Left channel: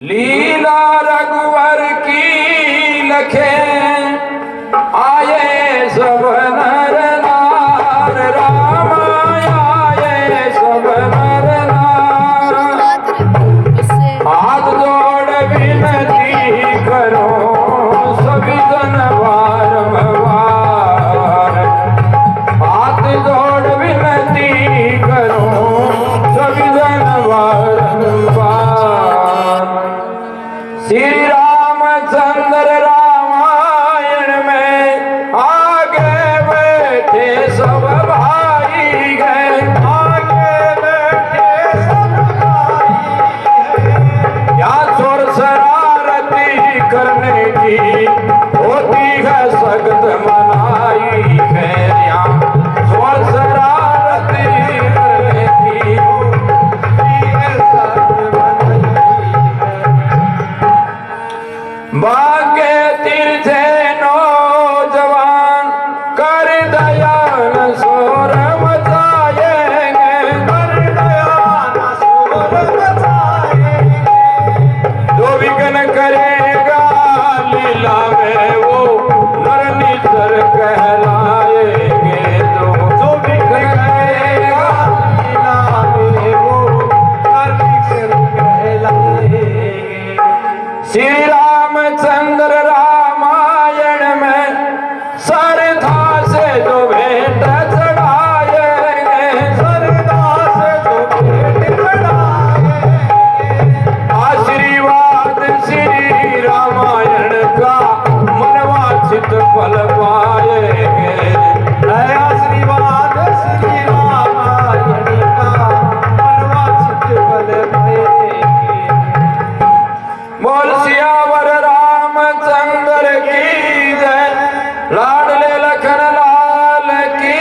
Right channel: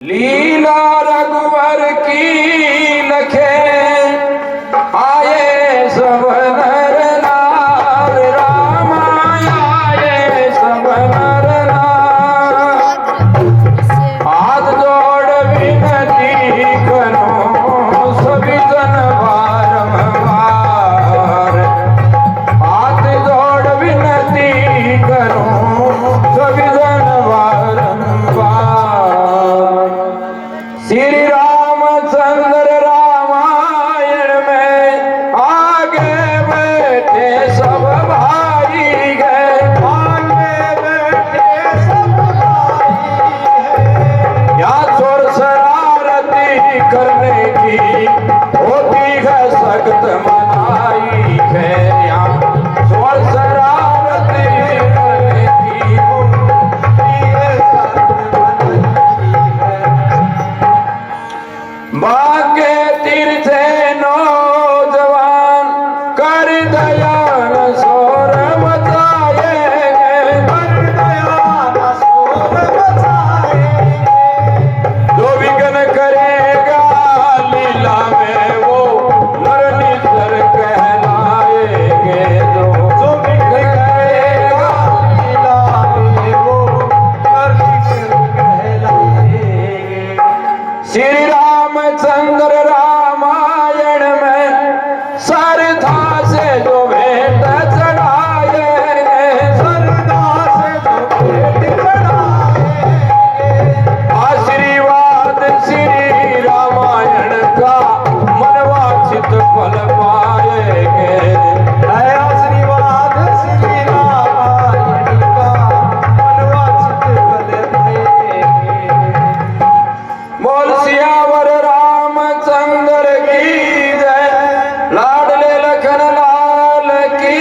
लीला रघुवर की लखे आए सब नर नार राम आए सब नर नार हाथ जोड़ विनती करो सभी जन बारंबार हाथ जोड़ विनती करो सभी जन बारंबार श्री रामचंद्र रामायण में आगे बैठे सब भाई गए आगे बैठे सब भाई गए या चोर शरारती करने की होती है सख्त मनाई है यहाँ चोर शरारती करने की होती है सख्त बाके तीर्थे नौजवान कर दयान सोर मचाएंगे कर दयान सोर मचाएंगे जो विघ्न करेगा लीला में वो नर निश्चर कहलाएंगे जो विघ्न करेगा लीला में वो नर निश्चर कहलाएंगे श्री रामचंद्र रामायण में श्रद्धा से जो भेंट चढ़ाएंगे श्रद्धा से जो भेंट चढ़ाएंगे आशीर्वाद श्री रामायण का मनवांछित फल पाएंगे आशीर्वाद श्री रामायण का मनवांछित फल पाएंगे बोल सियावर रामचंद्र की जय लाडले लखन लाल की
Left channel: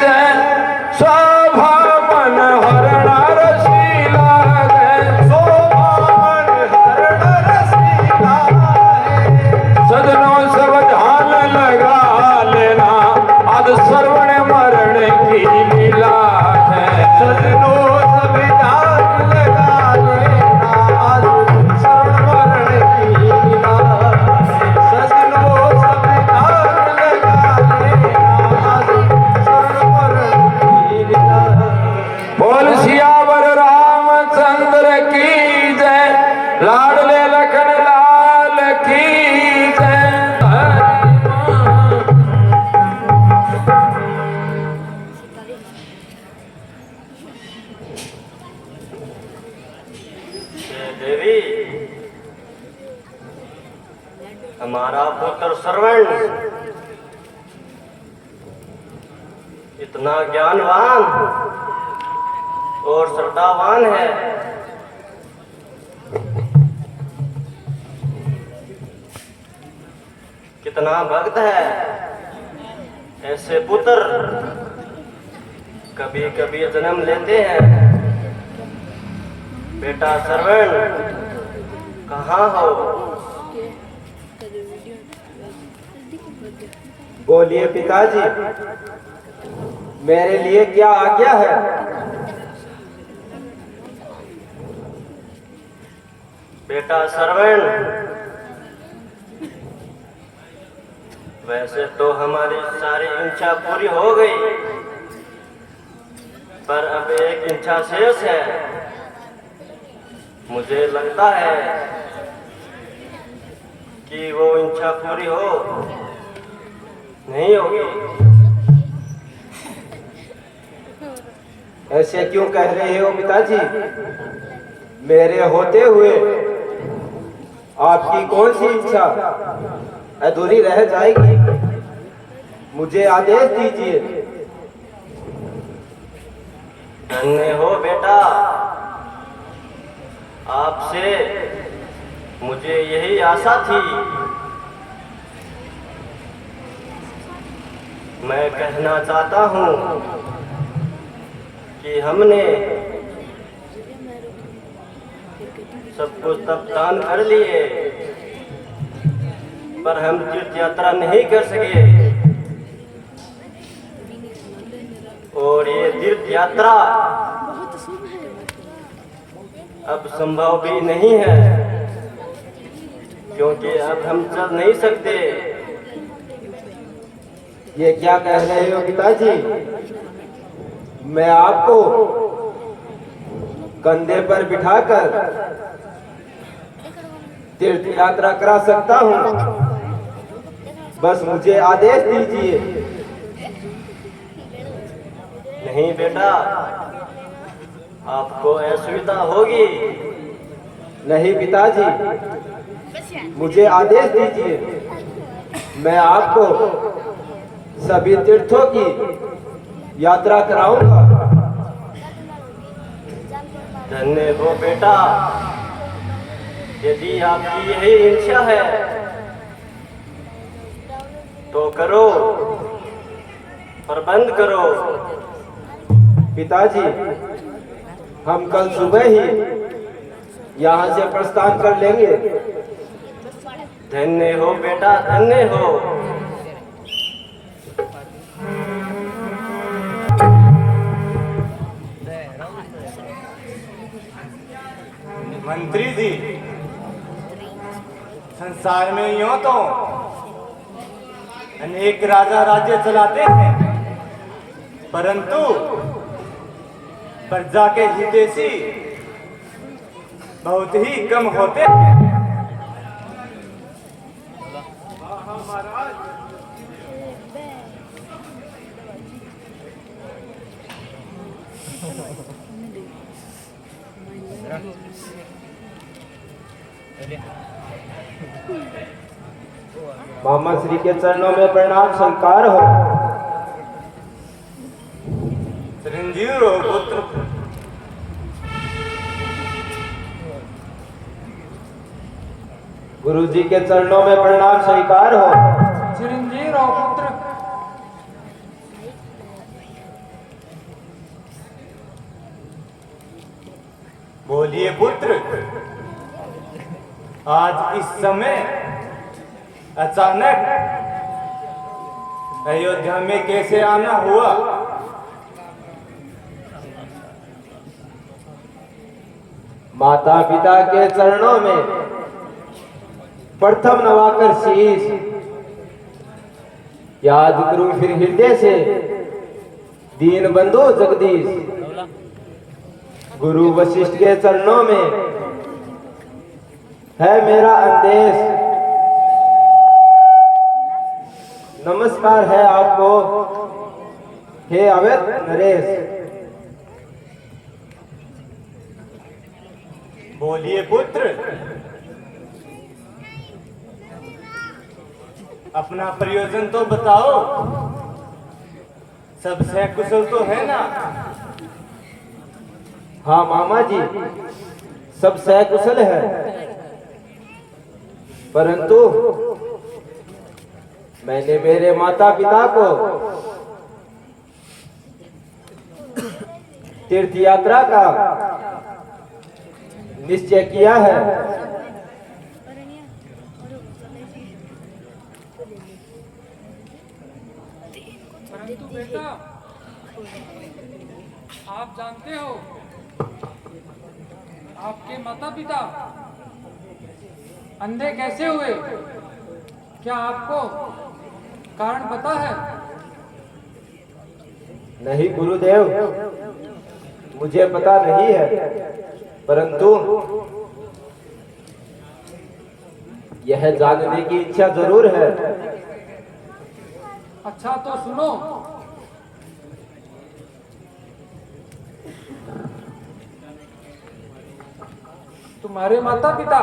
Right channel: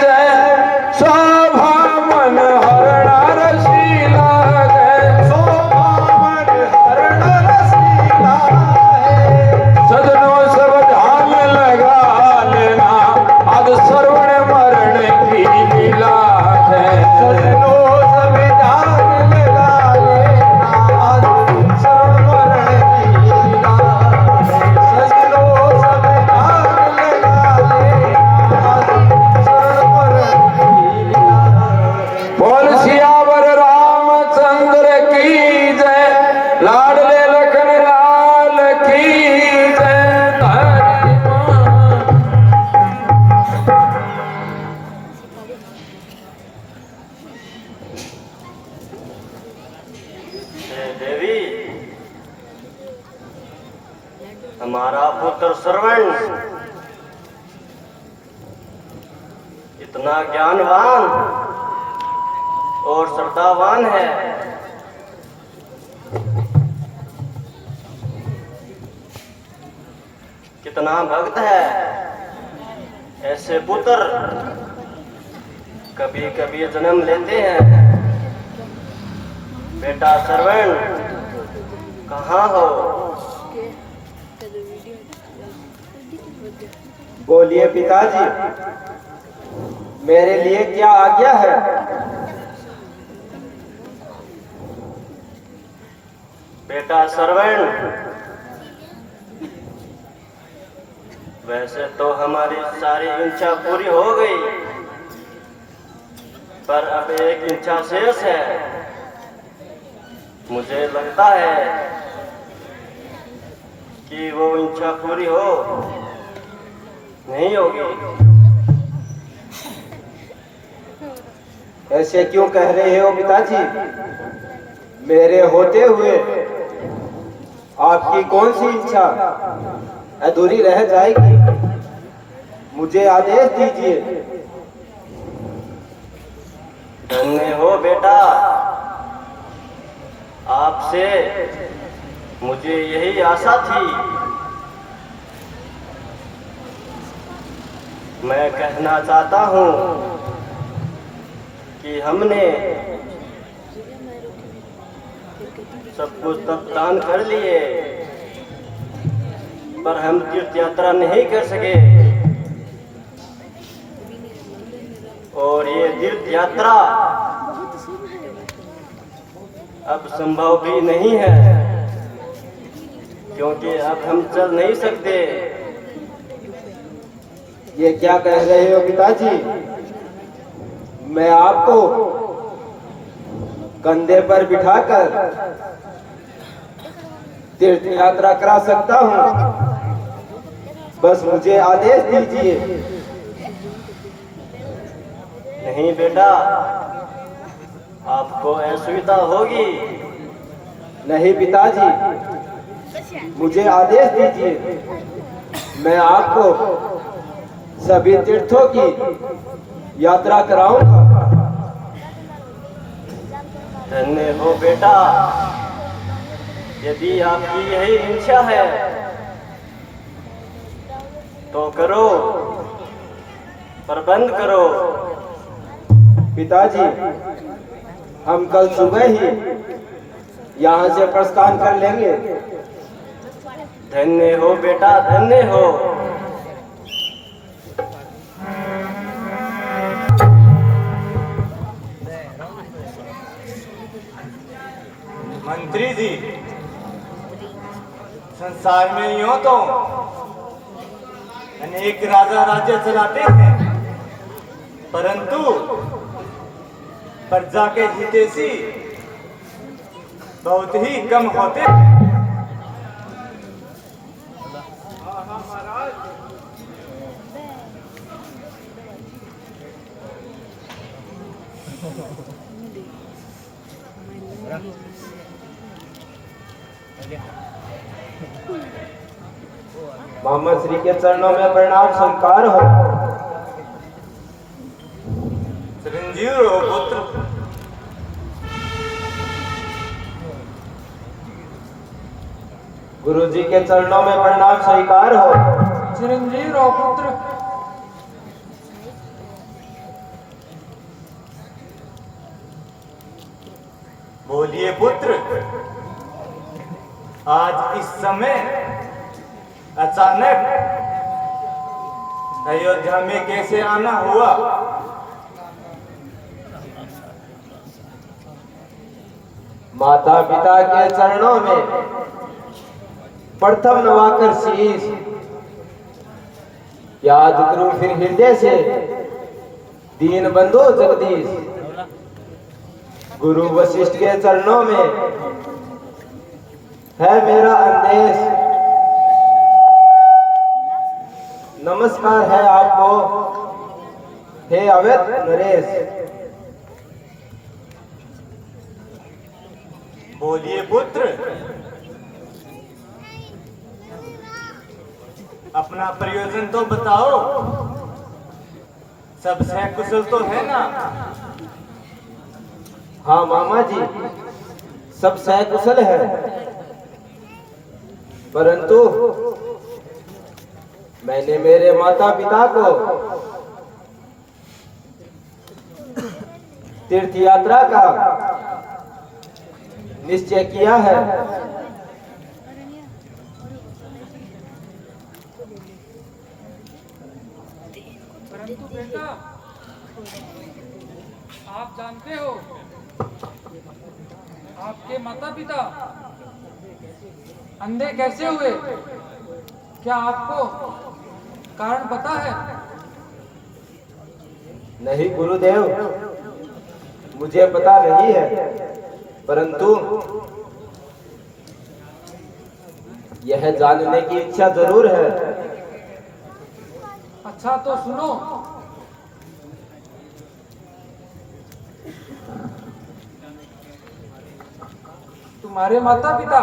जय शोभा मन हरण रसीला जय शोभा मन हरण रसीला सजनों सावधान लगा लेना आज श्रवण मरण की लीला है सजनों सावधान लगा लेना आज बोल सियावर रामचंद्र की जय लाडले लखन लाल की जय देवी हमारा पुत्र श्रवण इतना ज्ञानवान और श्रद्धावान है कितना भक्त है ऐसे पुत्र कभी कभी जन्म लेते हैं बेटा श्रवण कहाँ हो बोलिए पिताजी मेरे लिए क्या आज्ञा है बेटा श्रवण वैसे तो हमारी सारी इच्छा पूरी हो गई पर अब एक इच्छा शेष है मुझे लगता है कि वो इच्छा पूरी हो नहीं होगी ऐसे क्यों कह रहे हो पिताजी मेरे होते हुए आपकी कौन सी इच्छा अधूरी रह जाएगी मुझे आदेश दीजिए धन्य हो बेटा आपसे मुझे यही आशा थी मैं कहना चाहता हूँ कि हमने सब कुछ दान कर लिए पर हम तीर्थ यात्रा नहीं कर सके और ये तीर्थ यात्रा अब संभव भी नहीं है क्योंकि अब हम चल नहीं सकते। ये क्या कह रहे हो पिताजी? मैं आपको कंधे पर बिठाकर तीर्थ यात्रा करा सकता हूँ, बस मुझे आदेश दीजिए। नहीं बेटा, आपको असुविधा होगी। नहीं पिताजी, मुझे आदेश दीजिए, मैं आपको सभी तीर्थों की यात्रा कराऊंगा। धन्य हो बेटा, यदि आपकी यही इच्छा है तो करो, प्रबंध करो। पिताजी, हम कल सुबह ही यहाँ से प्रस्थान कर लेंगे। धन्य हो बेटा, धन्य हो। मंत्री जी, संसार में यूं तो अनेक राजा राज्य चलाते हैं, परंतु प्रजा के हितैषी बहुत ही कम होते हैं। मोहम्मद श्री के चरणों में प्रणाम स्वीकार हो। चिरंजीव रहो पुत्र। गुरु जी के चरणों में प्रणाम स्वीकार हो। चिरंजीव रहो पुत्र। बोलिए पुत्र, आज इस समय अचानक अयोध्या में कैसे आना हुआ? माता पिता के चरणों में प्रथम नवाकर शीश, याद गुरु फिर हृदय से, दीन बंधु जगदीश। गुरु वशिष्ठ के चरणों में है मेरा अंदेश, नमस्कार है आपको हे अवैध नरेश। बोलिए पुत्र, अपना प्रयोजन तो बताओ। सब सकुशल तो है ना? हाँ मामा जी, सब सकुशल है, परंतु मैंने मेरे माता पिता को तीर्थ यात्रा का निश्चय किया है। परंतु बेटा, आप जानते हो आपके माता पिता अंधे कैसे हुए? क्या आपको कारण पता है? नहीं गुरुदेव, मुझे पता नहीं है, परंतु यह जानने की इच्छा जरूर है। अच्छा तो सुनो। तुम्हारे माता पिता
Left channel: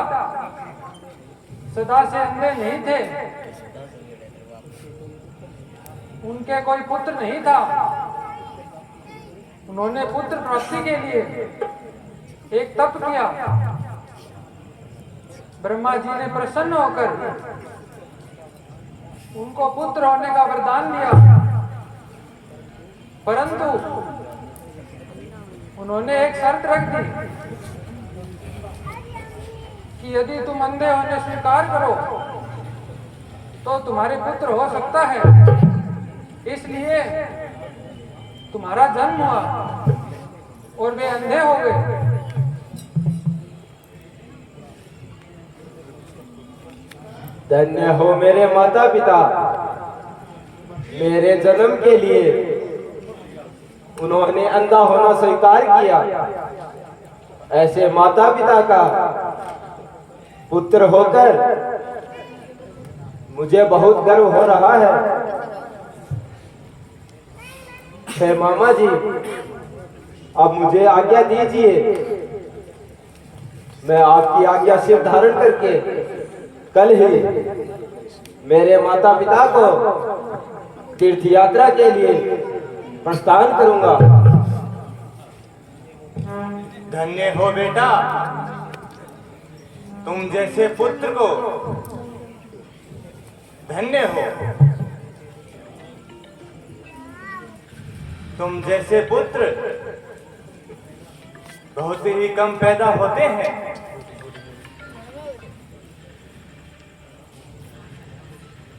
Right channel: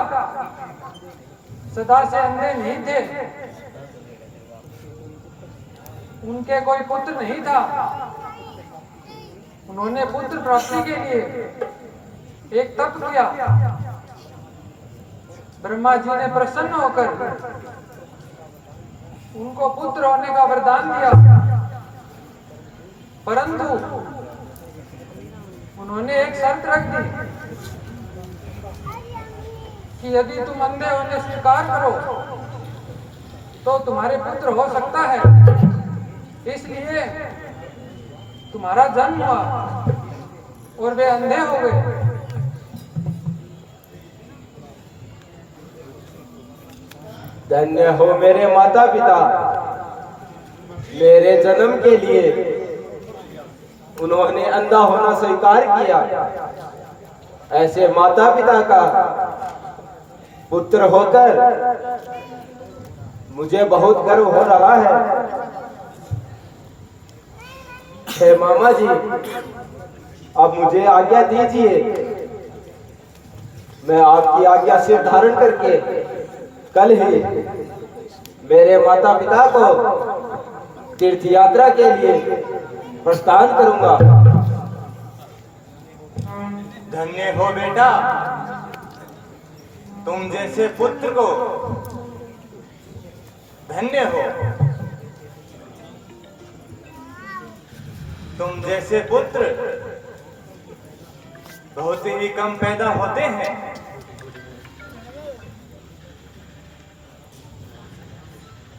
सदा से अंधे नहीं थे, उनके कोई पुत्र नहीं था। उन्होंने पुत्र प्राप्ति के लिए एक तप किया। ब्रह्मा जी ने प्रसन्न होकर उनको पुत्र होने का वरदान दिया, परंतु उन्होंने एक शर्त रख दी कि यदि तुम अंधे होने स्वीकार करो तो तुम्हारे पुत्र हो सकता है। इसलिए तुम्हारा जन्म हुआ और वे अंधे हो गए। धन्य हो मेरे माता पिता, मेरे जन्म के लिए उन्होंने अंधा होना स्वीकार किया। ऐसे माता पिता का पुत्र होकर मुझे बहुत गर्व हो रहा है। हे मामा जी, अब मुझे आज्ञा दीजिए, मैं आपकी आज्ञा सिर धारण करके कल ही मेरे माता पिता को तीर्थ यात्रा के लिए प्रस्थान करूंगा। धन्य हो बेटा, तुम जैसे पुत्र को। धन्य हो, तुम जैसे पुत्र बहुत ही कम पैदा होते हैं।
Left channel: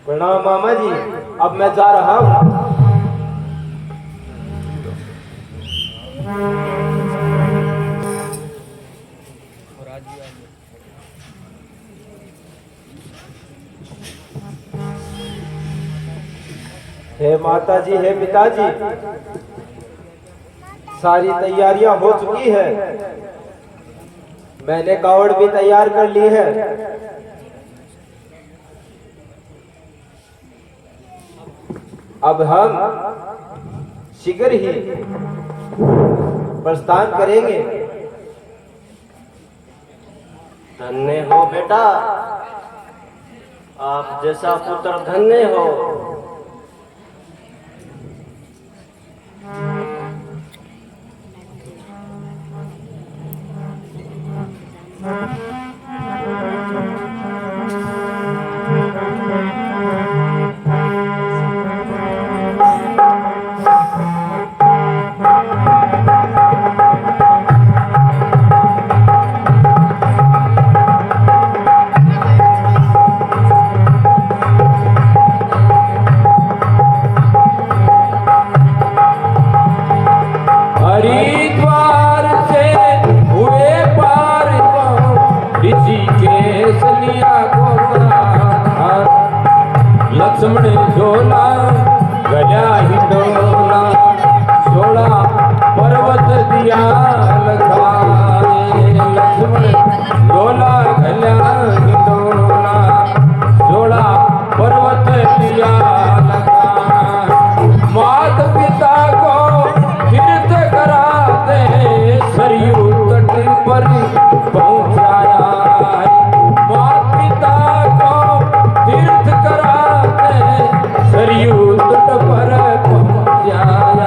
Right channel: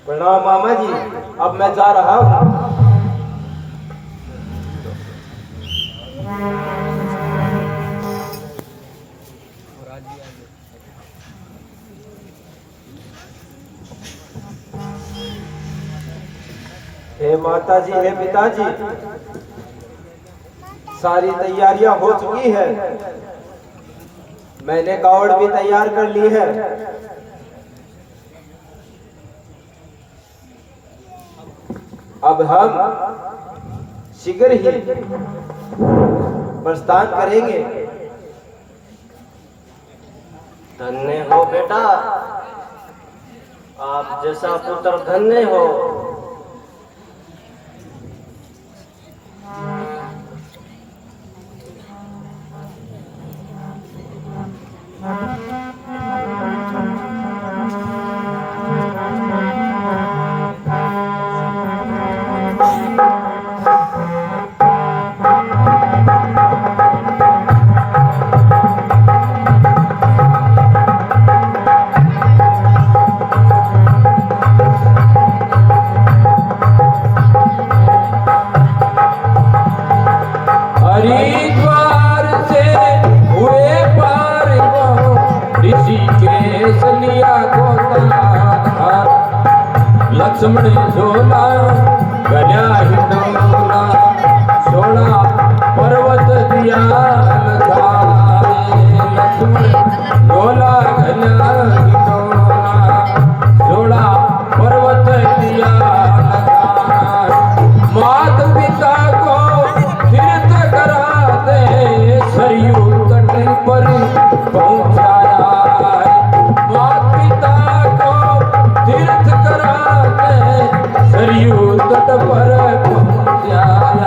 प्रणाम मामा जी, अब मैं जा रहा हूँ। हे माता जी, हे पिताजी, सारी तैयारियां हो चुकी है। मैंने कावड़ भी तैयार कर ली है। अब हम शीघ्र ही प्रस्थान करेंगे। धन्य हो बेटा, आप जैसा पुत्र धन्य हो। हरिद्वार से हुए पार को ऋषिकेश लिया गोदाधार। लक्ष्मण झोला गया हिंडोला, छोड़ा पर्वत दिया लगाए। लक्ष्मण झोला गया हिंडोला, छोड़ा पर्वत दिया लगाए। मात पिता को तीर्थ कराते सरयू तट पर पहुंचाया। मात पिता को तीर्थ कराते सरयू तट पर पहुंचाया।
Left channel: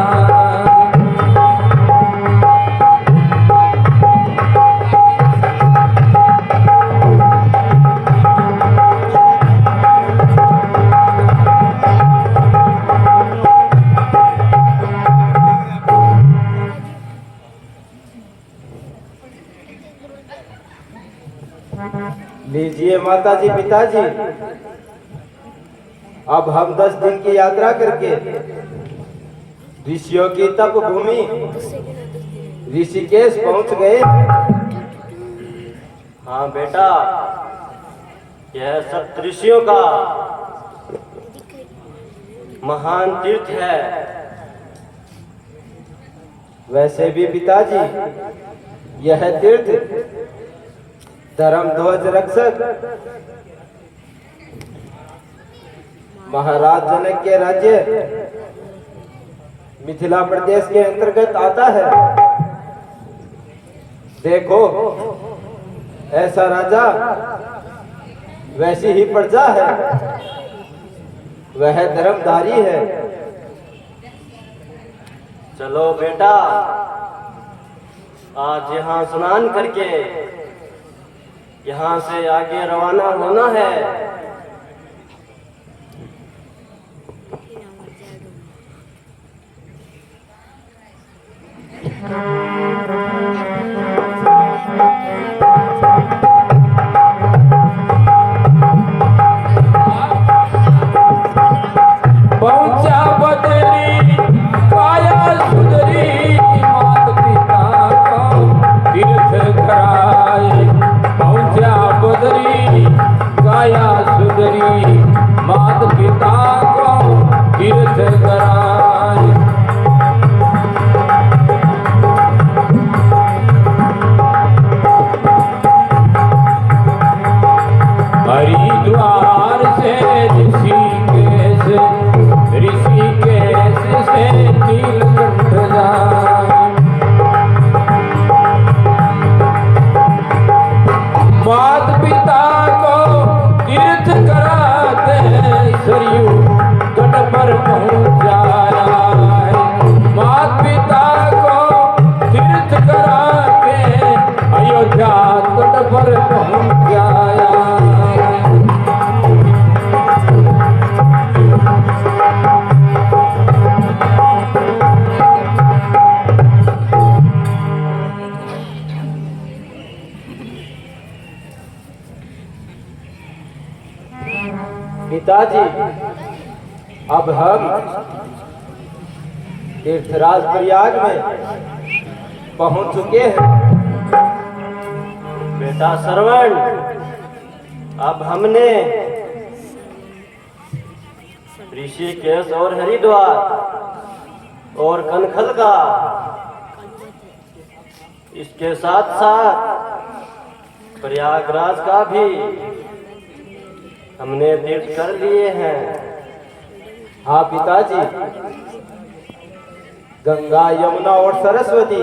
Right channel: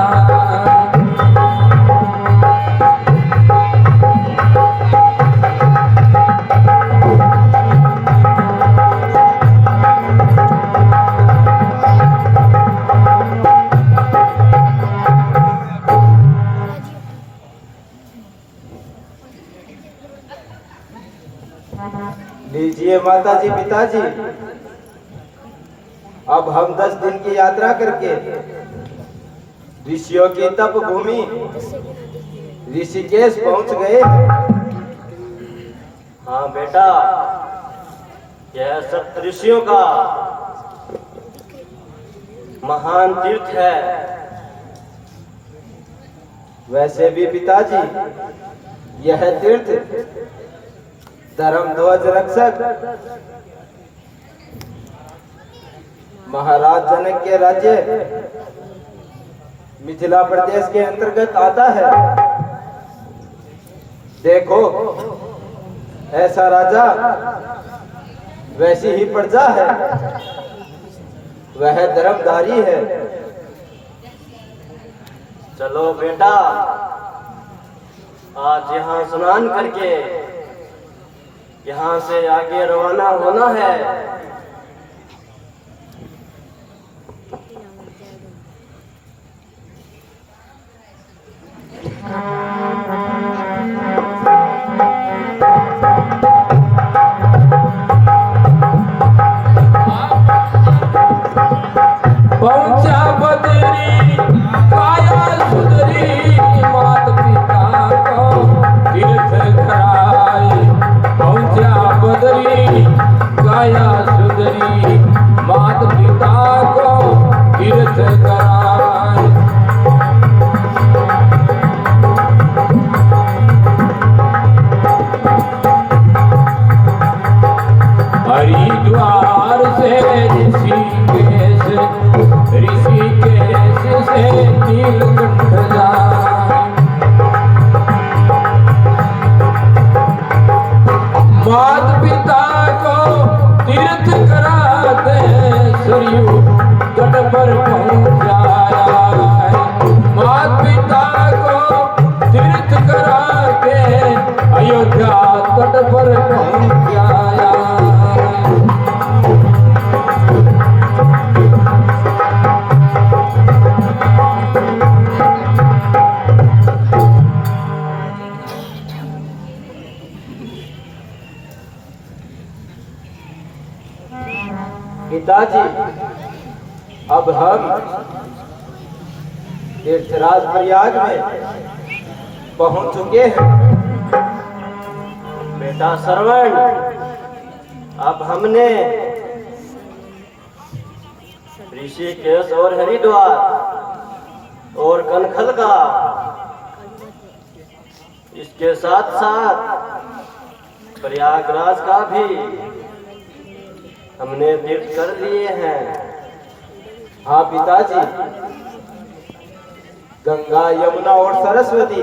लीजिए माता जी, पिताजी, अब हम 10 दिन की यात्रा करके ऋषियों की तप भूमि ऋषिकेश पहुंच गए। हाँ बेटा, यह सप्तऋषियों का महान तीर्थ है। वैसे भी पिताजी, यह तीर्थ धर्म ध्वज रक्षक महाराज जनक के राज्य मिथिला प्रदेश के अंतर्गत आता है। देखो, ऐसा राजा वैसी ही प्रजा है, वह धर्मधारी है। चलो बेटा, आज यहाँ स्नान करके यहाँ से आगे रवाना होना है। पहुंचा बदरी काया सुधरी, मात पिता को तीर्थ कराए। पहुंचा बदरी काया सुधरी। करी मात पिता को तीर्थ कराई। हरिद्वार से ऋषिकेश, ऋषिकेश से नीलकंठ जाए। मात पिता को तीर्थ कराते सरयू तट पर पहुँच जाया है। मात पिता को तीर्थ कराते अयोध्या तट पर पहुँच जाया। पिताजी, अब हम तीर्थराज प्रयाग में पहुंच चुके हैं। बेटा श्रवण, अब हमने ऋषिकेश और हरिद्वार और कनखल का, इसके साथ साथ प्रयागराज का भी हमने तीर्थ कर लिए हैं। हाँ पिताजी, गंगा, यमुना और सरस्वती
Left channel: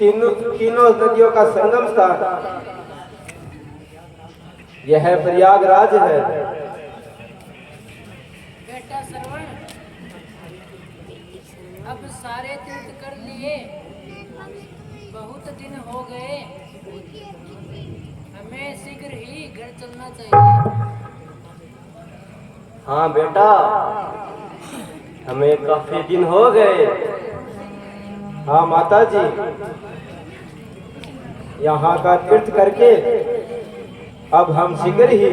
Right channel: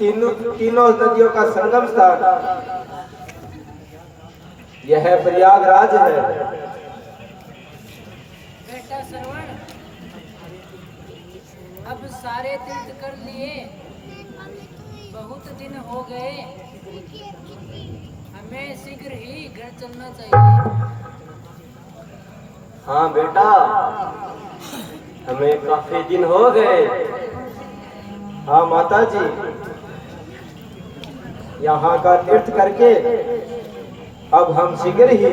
तीनों नदियों का संगम स्थान यह प्रयागराज है। बेटा श्रवण, अब सारे तीर्थ कर लिए, बहुत दिन हो गए, हमें शीघ्र ही घर चलना चाहिए। हाँ बेटा, हमें काफी दिन हो गए। हाँ माता जी, यहाँ का तीर्थ करके अब हम शीघ्र ही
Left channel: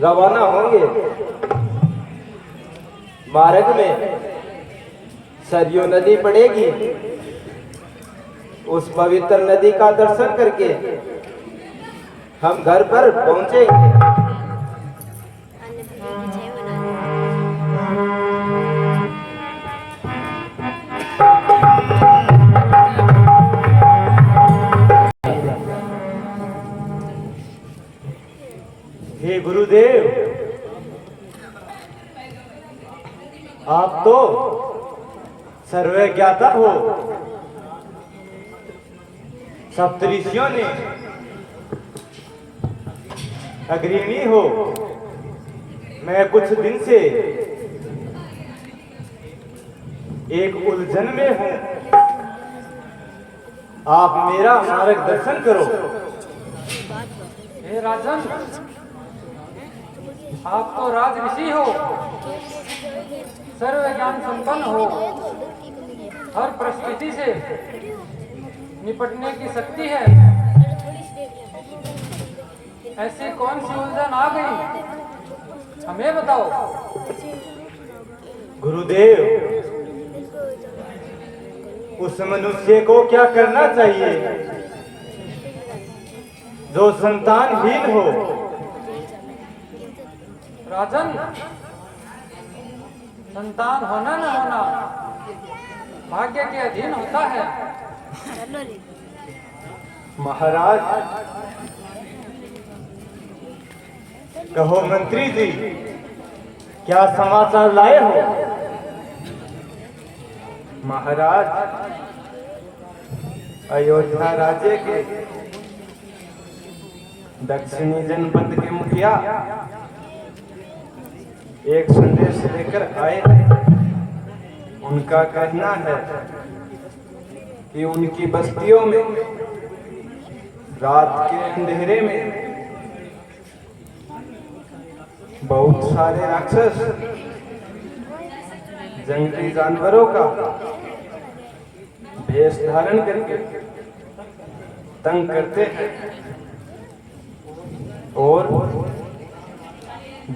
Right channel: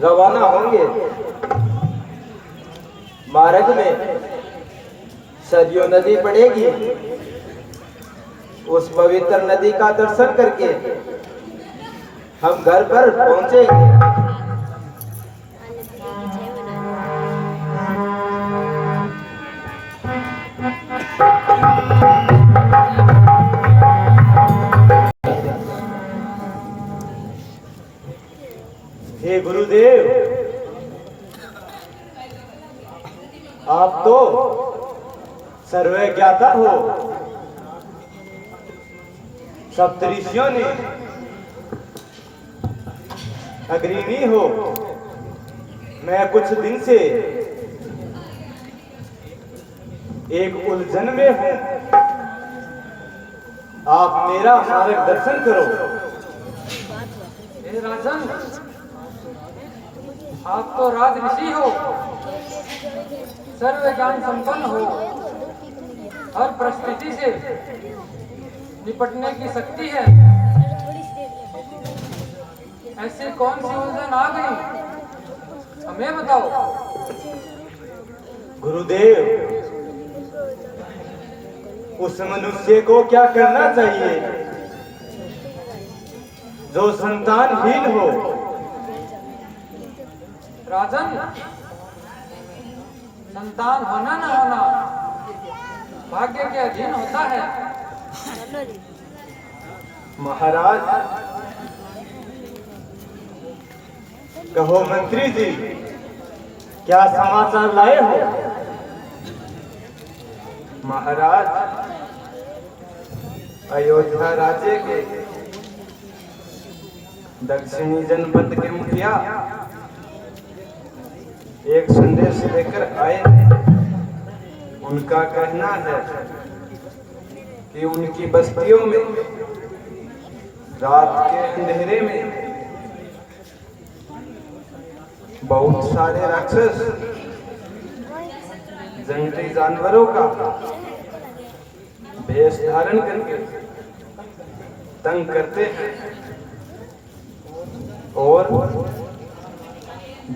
रवाना होंगे। मार्ग में सरयू नदी पड़ेगी, उस पवित्र नदी का दर्शन करके हम घर पर पहुंचेंगे। हे गुरुदेव, आप तो सर्वे ज्ञाता हो। सप्तऋषियों ने अग्रणी हो। मैं कुछ दिन से एक उलझन में हूं, आप मेरा मार्गदर्शन करो। हे राजन, आप तो राज ऋषि हो, सर्व ज्ञान संपन्न हो, हर परिस्थिति से निपटने की शक्ति है। ऐसी कौन सी उलझन आ गई, हमें बताओ। गुरुदेव, उस मनुष्य को क्या करना चाहिए जो संतानहीन हो? राजन, संतान होना न होना भाग्य के अधीन होता है। महाराज, कहो मंत्री जी, क्या समाचार लाए हो? महाराज, अयोध्या राज्य के दक्षिणी जनपद के मुखिया एक संदेश लेकर आए। उनका कहना है कि उनकी बस्तियों में रात के अंधेरे में बहुत सारे राक्षस जंगली जानवरों का भेष धारण करके तंग करते हैं और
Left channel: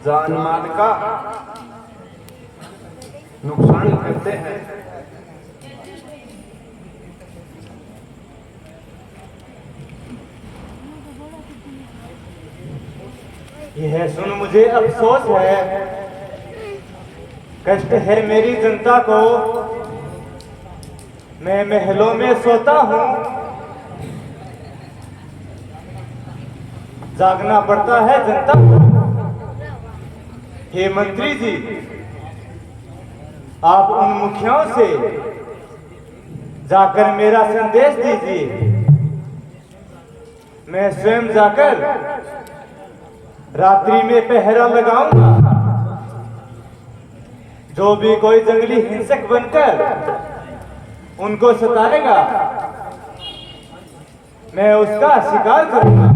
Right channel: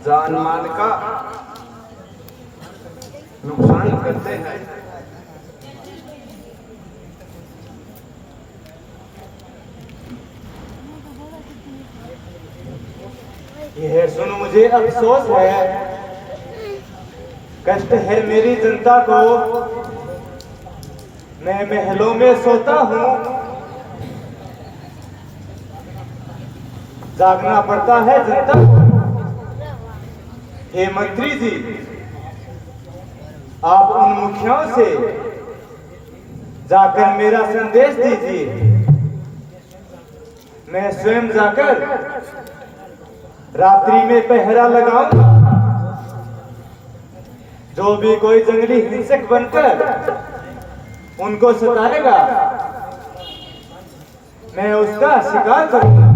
जान माल का नुकसान करते हैं। यह सुन मुझे अफसोस है, कष्ट है मेरी जनता को। मैं महलों में सोता हूँ, जागना पड़ता है जनता को। हे मंत्री जी, आप उन मुखियाओं से जाकर मेरा संदेश दीजिए। मैं स्वयं जाकर रात्रि में पहरा लगाऊंगा। जो भी कोई जंगली हिंसक बनकर उनको सताएगा, मैं उसका शिकार करूंगा।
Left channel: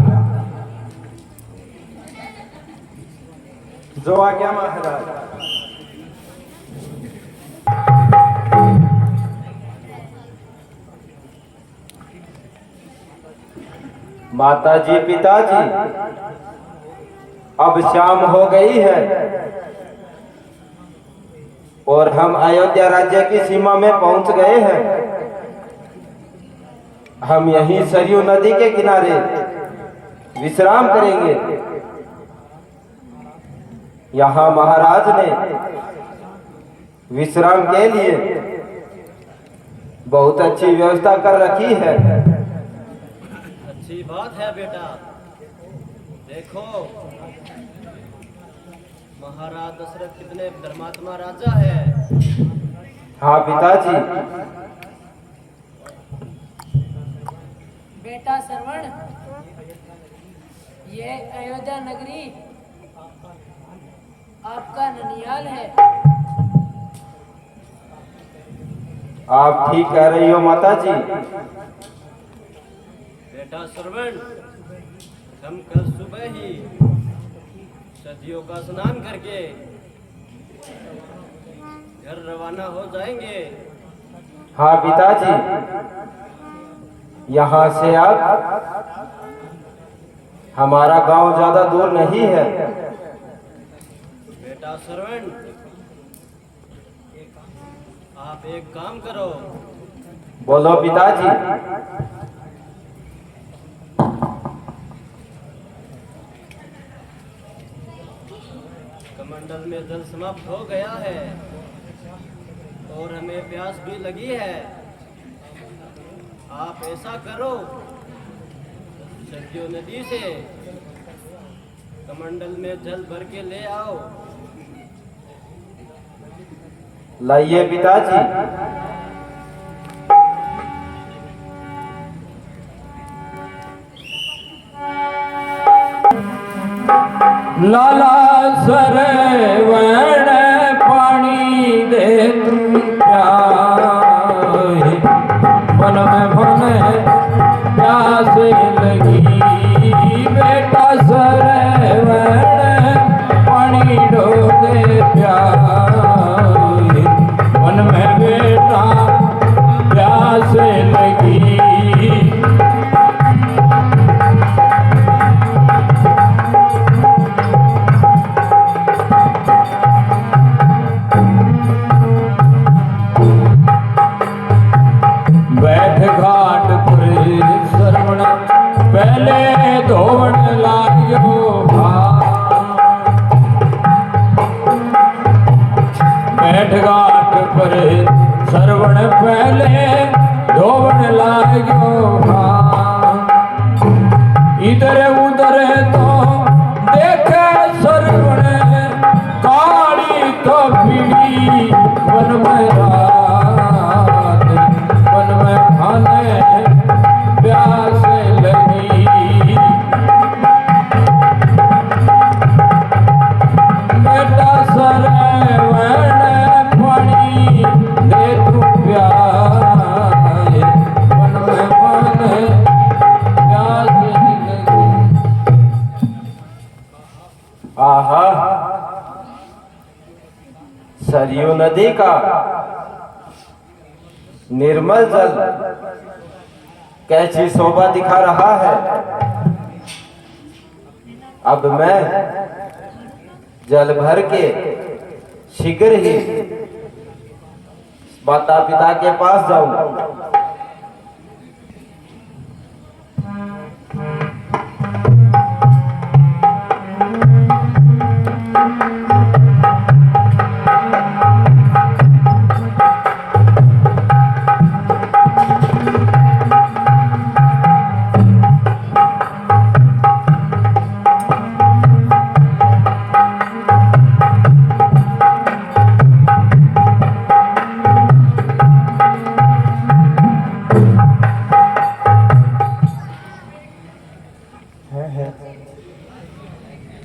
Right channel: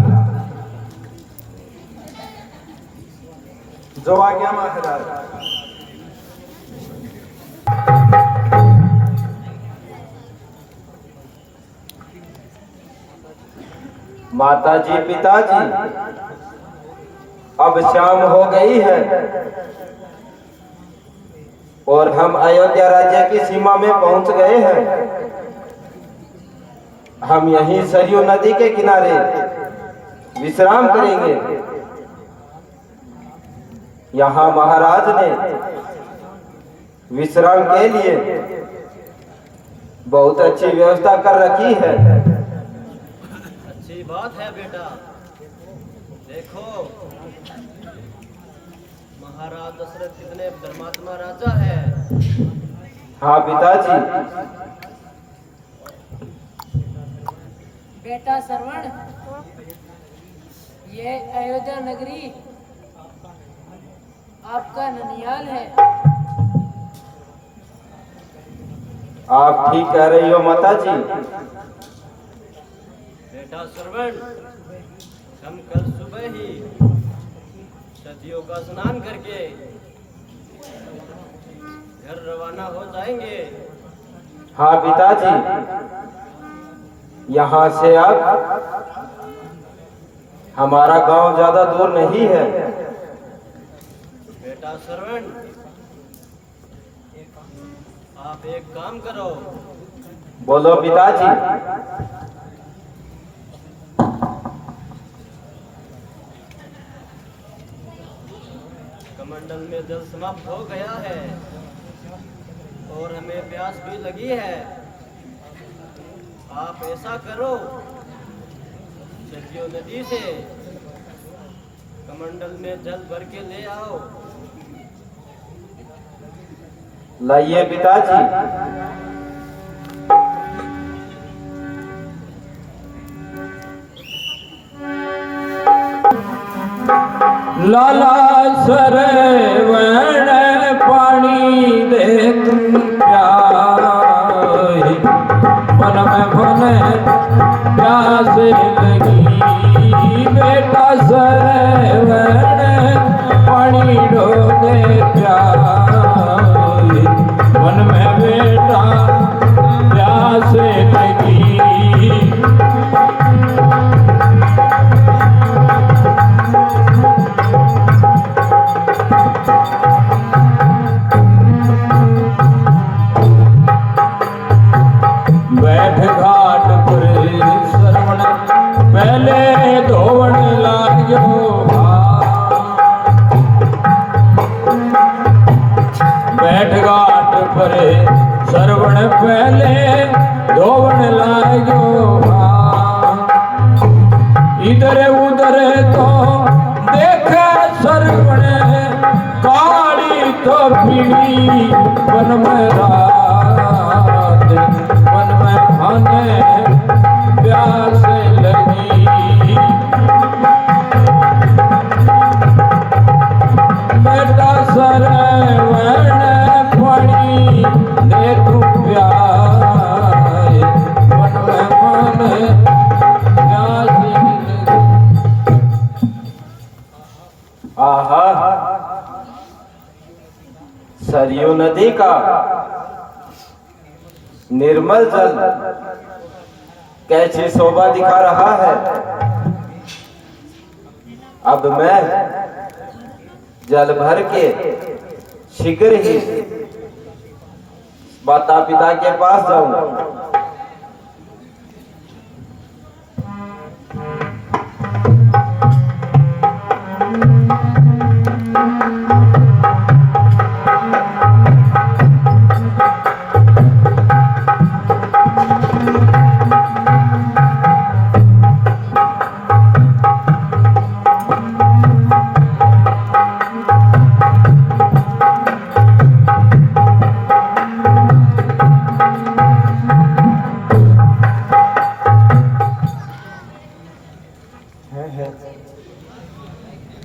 जो आज्ञा महाराज। माताजी, पिताजी, अब शाम हो गई है और हम अयोध्या राज्य की सीमा में पहुंच गए हैं। हम यहीं सरयू नदी के किनारे विश्राम करेंगे। यहाँ महाराज ने विश्राम के लिए बहुत अच्छी व्यवस्था कर रखी है। अच्छी बात है बेटा। देखो महाराज दशरथ कितने धर्मात्मा राजा है। हाँ पिताजी। बेटा श्रवण, ये अयोध्या नगरी आपका ननियाल है। आप ठीक कह रही हो माताजी। बेटा श्रवण, हम कल सुबह ही सदियों का स्नान करके घर रवाना हो जाएंगे। हाँ पिताजी, यहाँ से अब हमारा गांव ज्यादा दूर नहीं है। बेटा श्रवण, आप एक काम करो। बोलो पिताजी। कमंडल में जल समाप्त हो गया है और हमें प्यास भी लगी है। आप ऐसा करो, सरयू नदी से कमंडल में जल भर के ले आओ। लाइए पिताजी। लाला सरवण पानी दे तुम प्यारे, मन में मन प्यास लगी। बेटा सरवण पानी डो दे प्यारे, मन में बेटा प्यास लगी। बैठ घाट पर श्रवण पहले धोन लागियो। बैठ घाट पर श्रवण पहले धोन लागियो। इधर उधर तो देखे श्रवण, गाड़ी तो पीड़ी मन में रात, मन में खाने प्यास लगी। बेटा सरवण पानी दे तू प्यारे, मन में खाने प्यास लगी। आहा, सरयू नदी का निर्मल जल कैसी शोभा दिखा रहा है। अब मैं जल भर के शीघ्र ही माता पिता के पास जाऊंगा।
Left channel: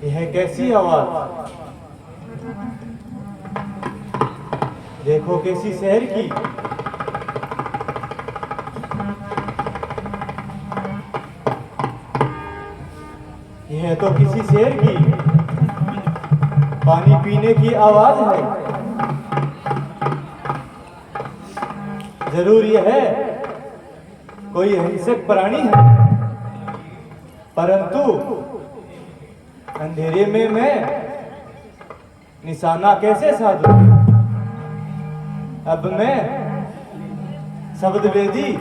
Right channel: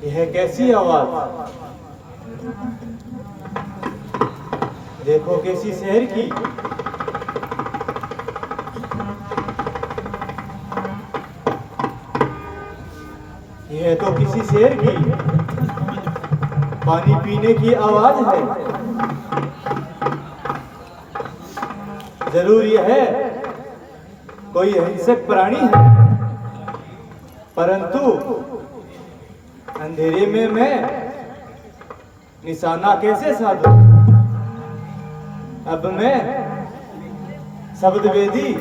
यह कैसी आवाज? देखो कैसी शहर की। यह तो किसी शेर की पानी पीने की आवाज है। जरूर यह है कोई हिंसक प्राणी है, परंतु अंधेरे में मैं निशाना कैसे साधूं? अब मैं शब्द वेदी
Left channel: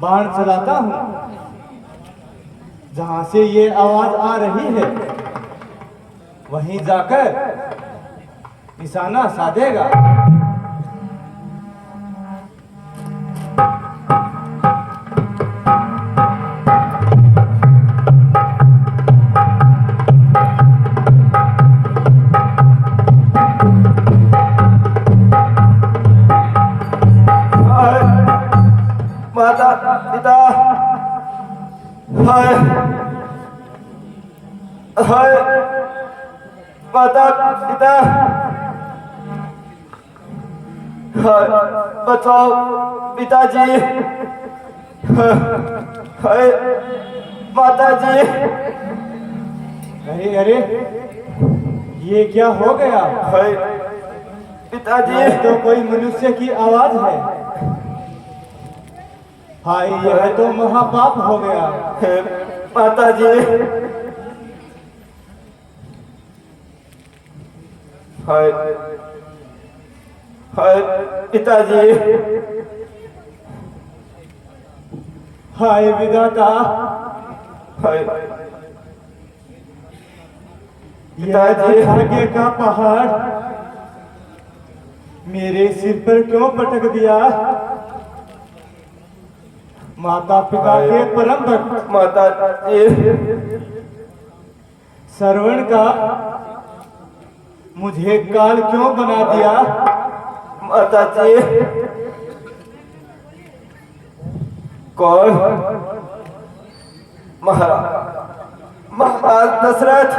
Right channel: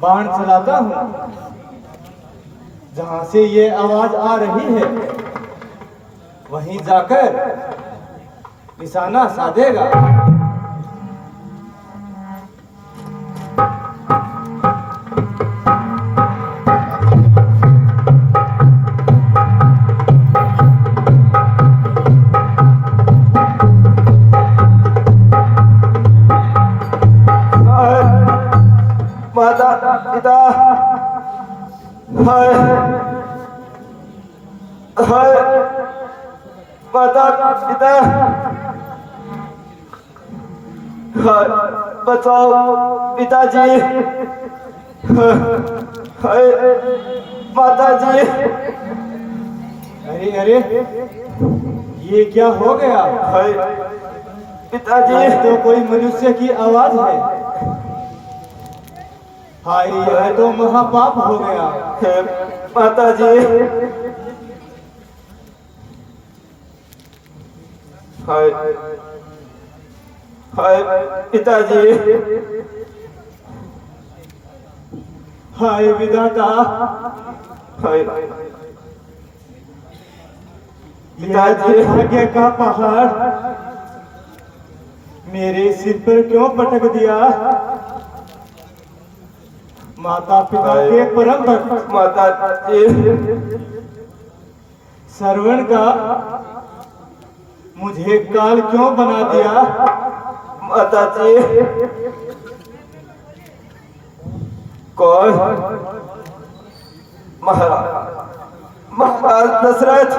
बाण चलाता हूं। जहां से ये आवाज आ रही है वहीं जाकर निशाना साधेगा। माता पिता, हाय हाय माता पिता, हाय बचाओ पिताजी, हाय माता जी। अरे अरे, ये क्या हो गया? हाय पिताजी। ये तो कोई मनुष्य की आवाज है। हाय, यह तो महापाप हो गया। माता जी, हाय हाय पिताजी, हाय विधाता, हाय यह दुर्भाग्य का पहाड़ मेरे सिर पर क्यों पटक दिया? माता पिता के परम भक्त माता जी, श्रवण का मुझे काल क्यों बना दिया? माता जी। कौन? महाराज दशरथ,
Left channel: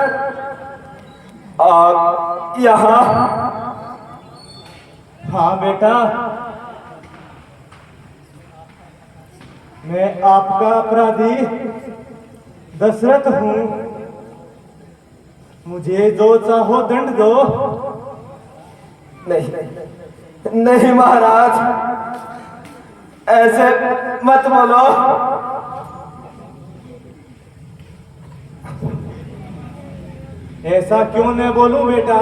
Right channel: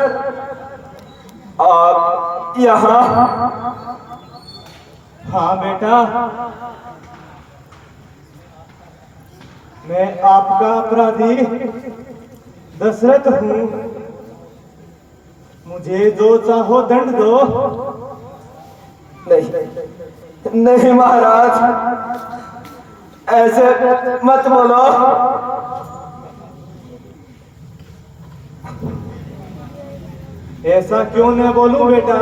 आप यहाँ? हाँ बेटा, मैं आपका अपराधी दशरथ हूँ। मुझे जो चाहो दंड दो। नहीं नहीं महाराज, ऐसे मत बोलो। ऐसा क्यों न बोलूं बेटा?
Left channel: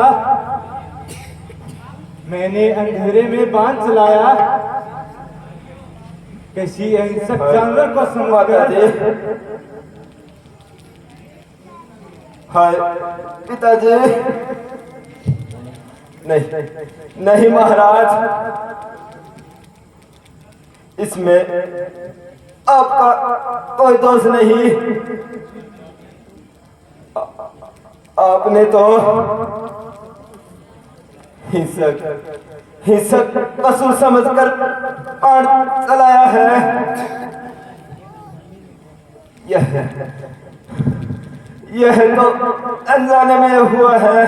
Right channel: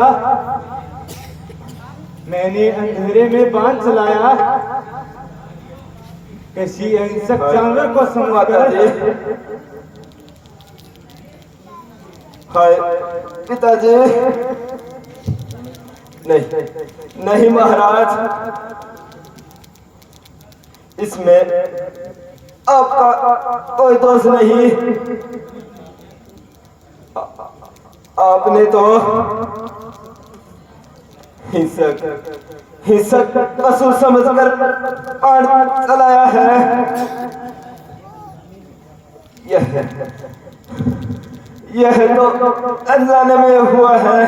मैंने अंधेरे में बाण चलाया, किसी हिंसक जानवर को समझकर। हाय पिताजी। नहीं नहीं महाराज, इसमें आपका कोई दोष नहीं। आपने तो हिंसक पशु समझकर बाण चलाया है। यह तो अनजाने में हुआ है।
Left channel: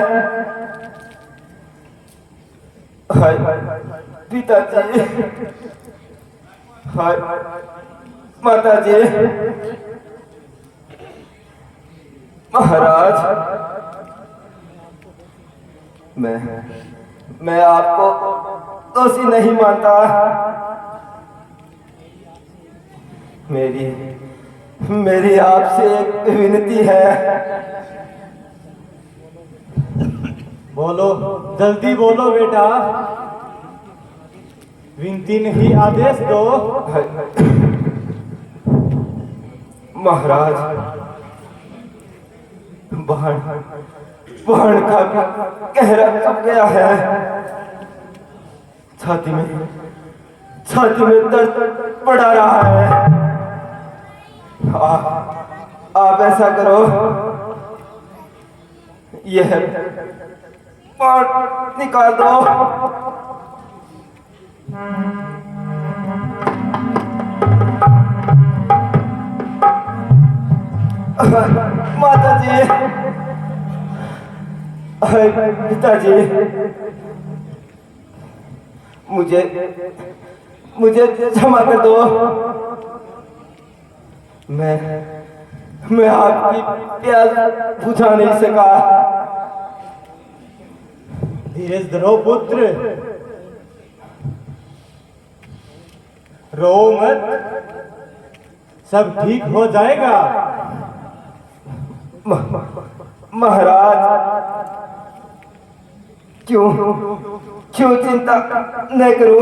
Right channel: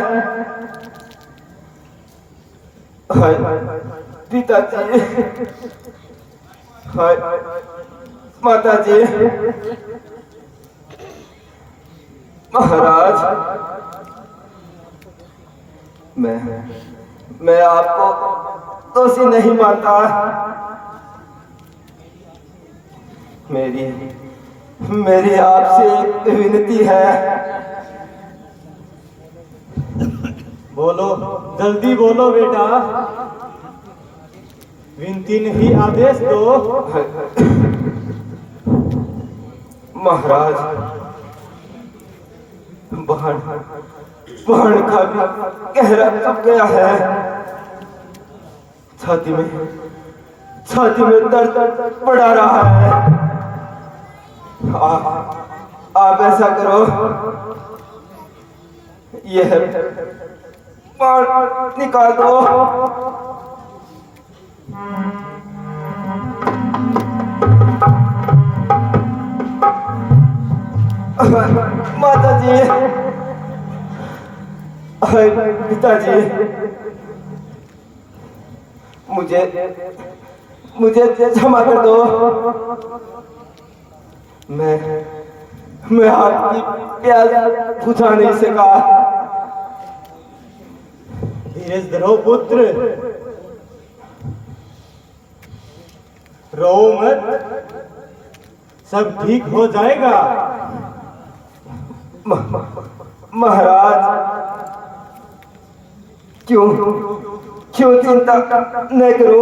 हाय पिताजी, हाय माताजी। महाराज, मैं आपको दोषी नहीं मानता। मेरी आपसे एक विनती है। बोलो, जल्दी बोलो बेटा। विनती नहीं, आदेश दो। महाराज, बाण का गहरा चुभ गया है। छाती में दर्द बढ़ा रहा है। आप ऐसा करो, यह बाण निकाल दो। माता जी, हाय पिताजी, मुझे क्षमा कर दो। मैं आपकी प्यास बुझा नहीं सका। धीरज धरो पुत्र, रो मत, सब ठीक हो जाएगा। महाराज, क्यों चिंता न करो।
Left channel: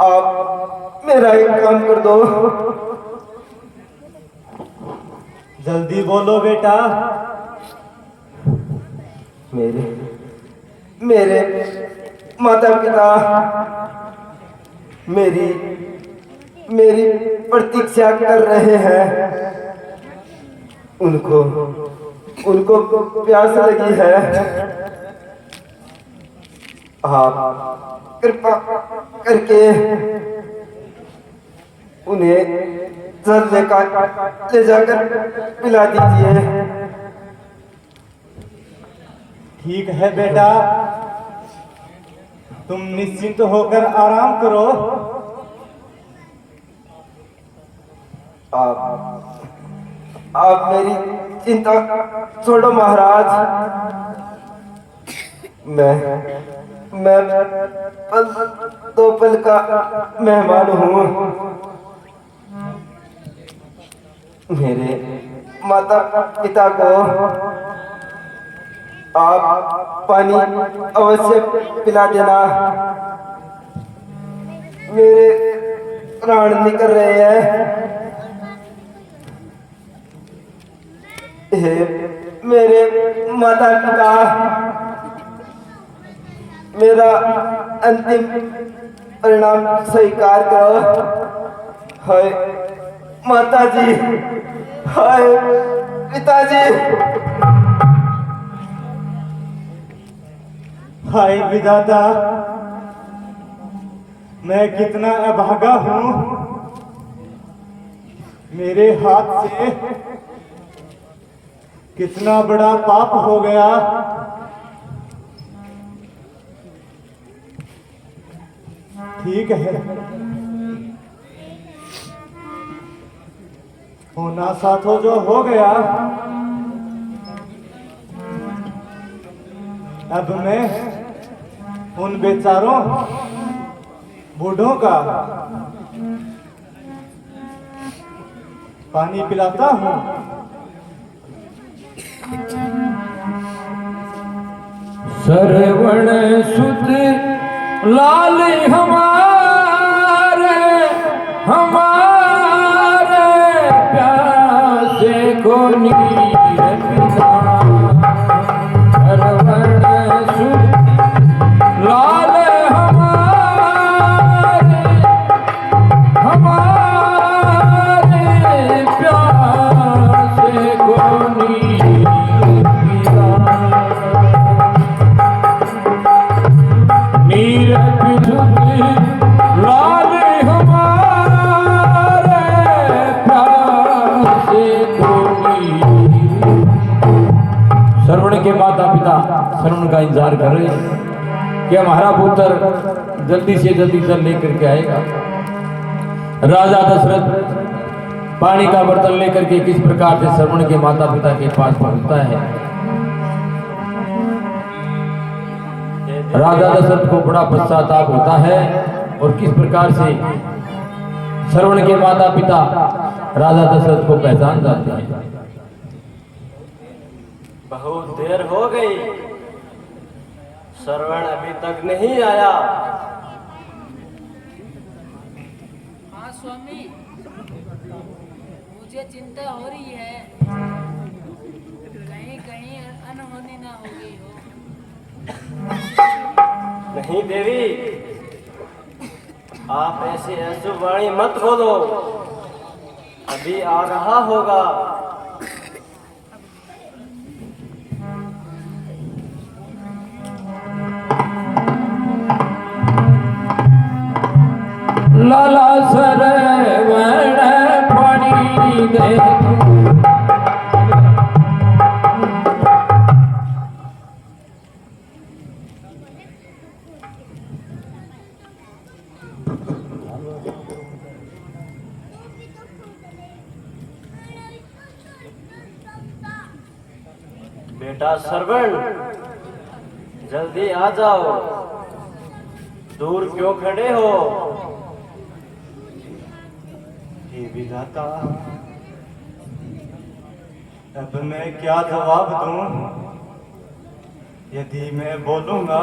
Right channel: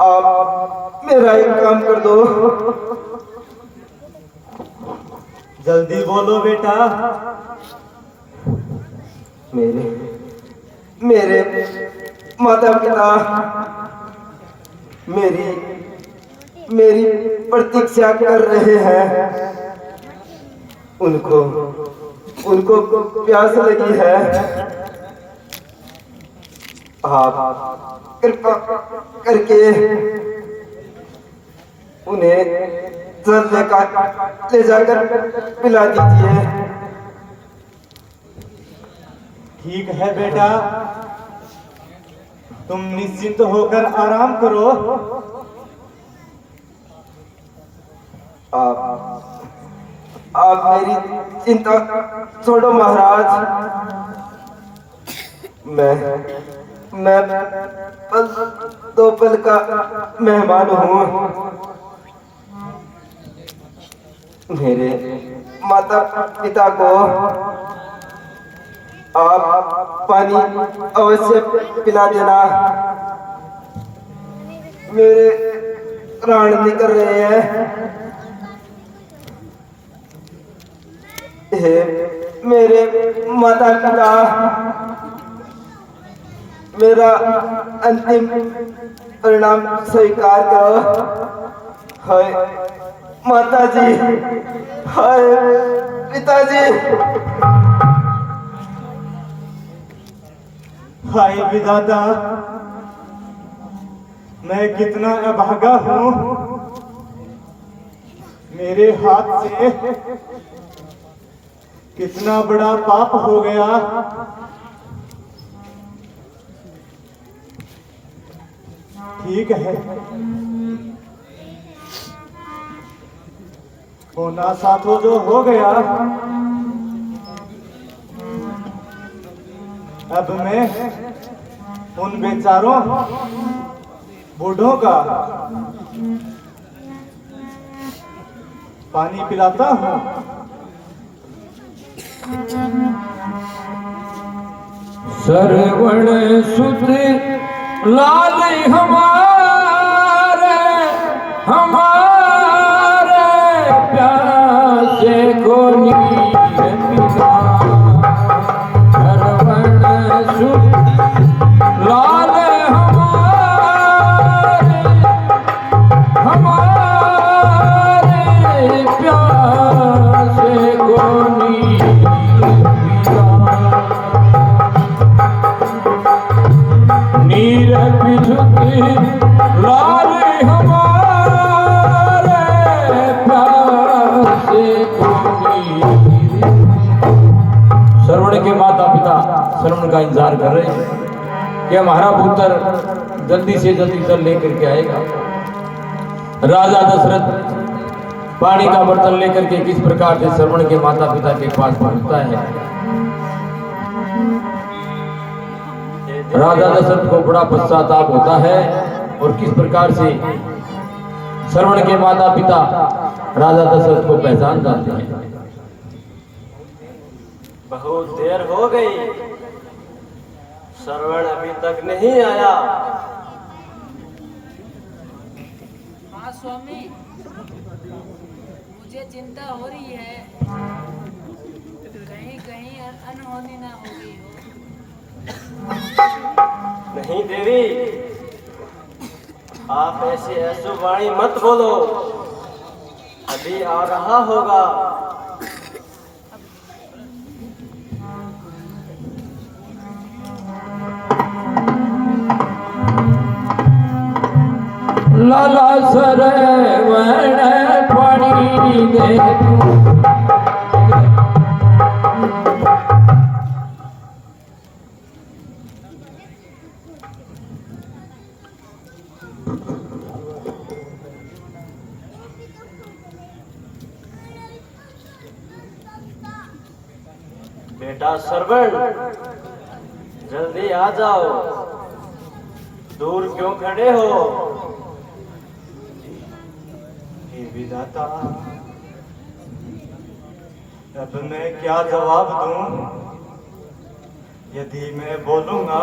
आप मेरा एक काम कर दो। जल्दी बोलो बेटा। मेरे माता पिता मेरी प्रतीक्षा कर रहे हैं। उनको प्यास लगी है। आप कृपा करके उन्हें जल ले जाकर पिला दीजिए। ठीक है बेटा, तुम निश्चिंत होकर आराम करो। आप मेरी चिंता छोड़ो महाराज। मैं दो पल का मेहमान हूँ। मेरे माता पिता को आप पानी अवश्य पिला देना। मेरे प्राण निकल रहे हैं। हे मेरे माता पिता, मेरा अंतिम परिणाम स्वीकार करो। हाय माता जी, हाय पिताजी। हाय विधाता, मैं कितना अभागा हूँ। मेरे हाथ से कितना बड़ा पाप हो गया। ठीक है, होना सा तो जो हो गया। अब मैं उन बेचारों बूढ़ों का पानी पिलाता हूँ। सरवण सुत लाल हमारे प्यासे को नीर पिला। सरवण सुत लाल हमारे प्यासे को नीर नीर पिजुत लाल हमारे प्यासे को नीर। श्रवण के माता पिता श्रवण का इंतजार कर रहे हैं कि हमारा पुत्र जल्दी से जल्दी जल लेकर के आएगा। राजा दशरथ पानी का बर्तन लेकर के किस प्रकार से श्रवण के माता पिता के पास पहुंचता है। राजा दशरथ को बड़ा पश्चाताप होता है और किस प्रकार से श्रवण के माता पिता राजा दशरथ को पहचान जाते हैं। बहुत देर हो गई, श्रवण अभी तक नहीं आया। हाँ स्वामी, मुझे चिंता हो रही है, कहीं कहीं अनहोनी ना हो गई हो। नहीं देवी, आप ऐसी अशुभ वाणी मत बोलो, अभी आ रहा होगा। लाला सरवण पानी दे बेटा सरवण, जल्दी आ जाओ। दूर क्यों खड़े हो? हे विधाता, अब मैं क्या जवाब दूं? यदि मैं बोलूंगा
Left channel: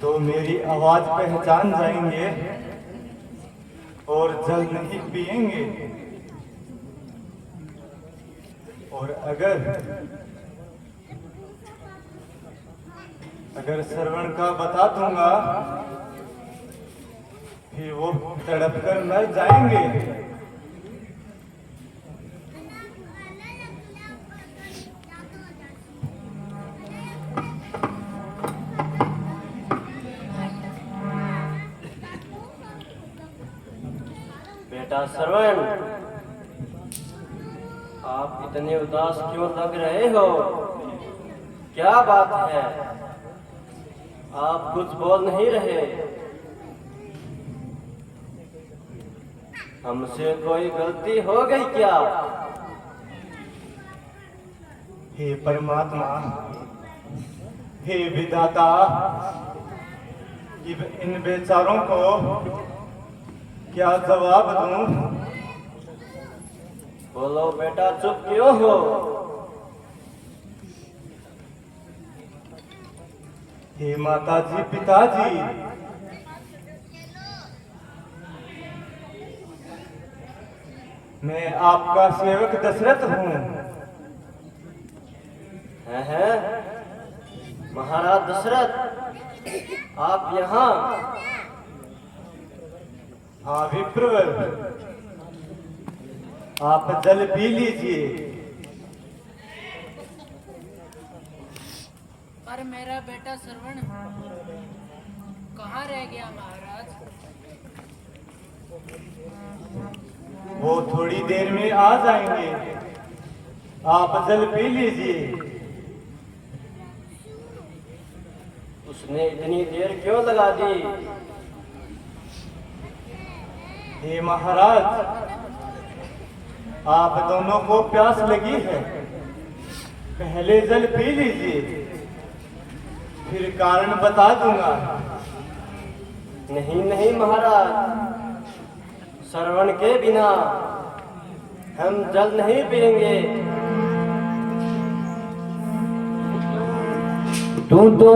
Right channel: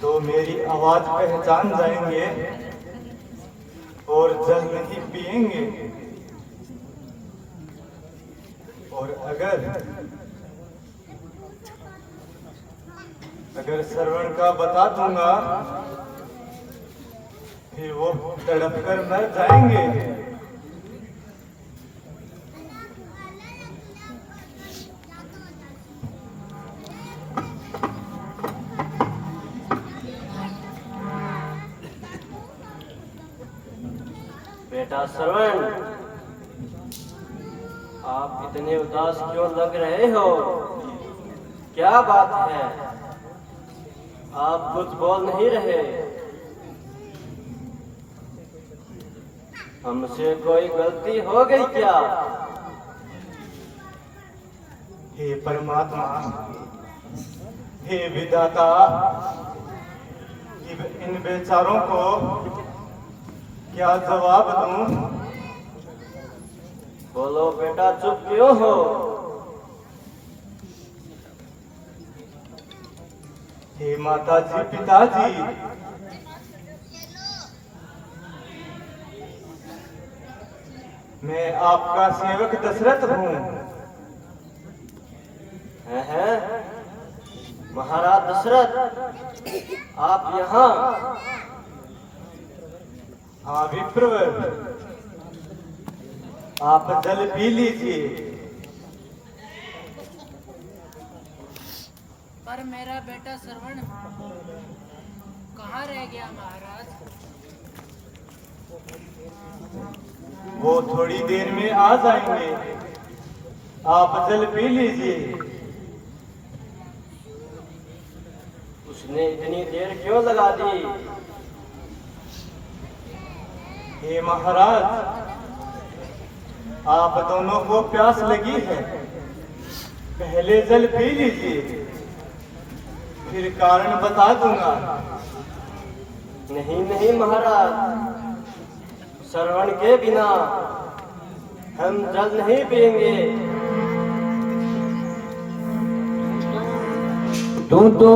तो मेरी आवाज पहचान जाएंगे और जल नहीं पिएंगे, और अगर श्रवण का बता दूंगा फिर वो तड़प कर मर जाएंगे। बेटा श्रवण, आप इतने उदास क्यों लग रहे हो? क्या बात है? आप कुछ बोल नहीं रहे। हमसे कोई गलती हो गई क्या? हे परमात्मा, हे विधाता, इन बेचारों को क्या जवाब दूं? बोलो बेटा, चुप क्यों हो? हे माता जी, पिताजी, मैं आपका सेवक दशरथ हूँ। हैं? महाराज दशरथ, आप यहाँ? हाँ विप्रवर, आप जल पी लीजिए। पर मेरा बेटा श्रवण कहाँ रह गया महाराज? वो थोड़ी देर में आ जाएंगे, आप जल पी लीजिए। उसने इतनी देर क्यों लगा दी? हे महाराज, आप दोनों को प्यास लगी है, पहले जल पी लीजिए, फिर कारण बता दूंगा। नहीं नहीं महाराज, श्रवण के बिना हम जल नहीं पिएंगे। तू तो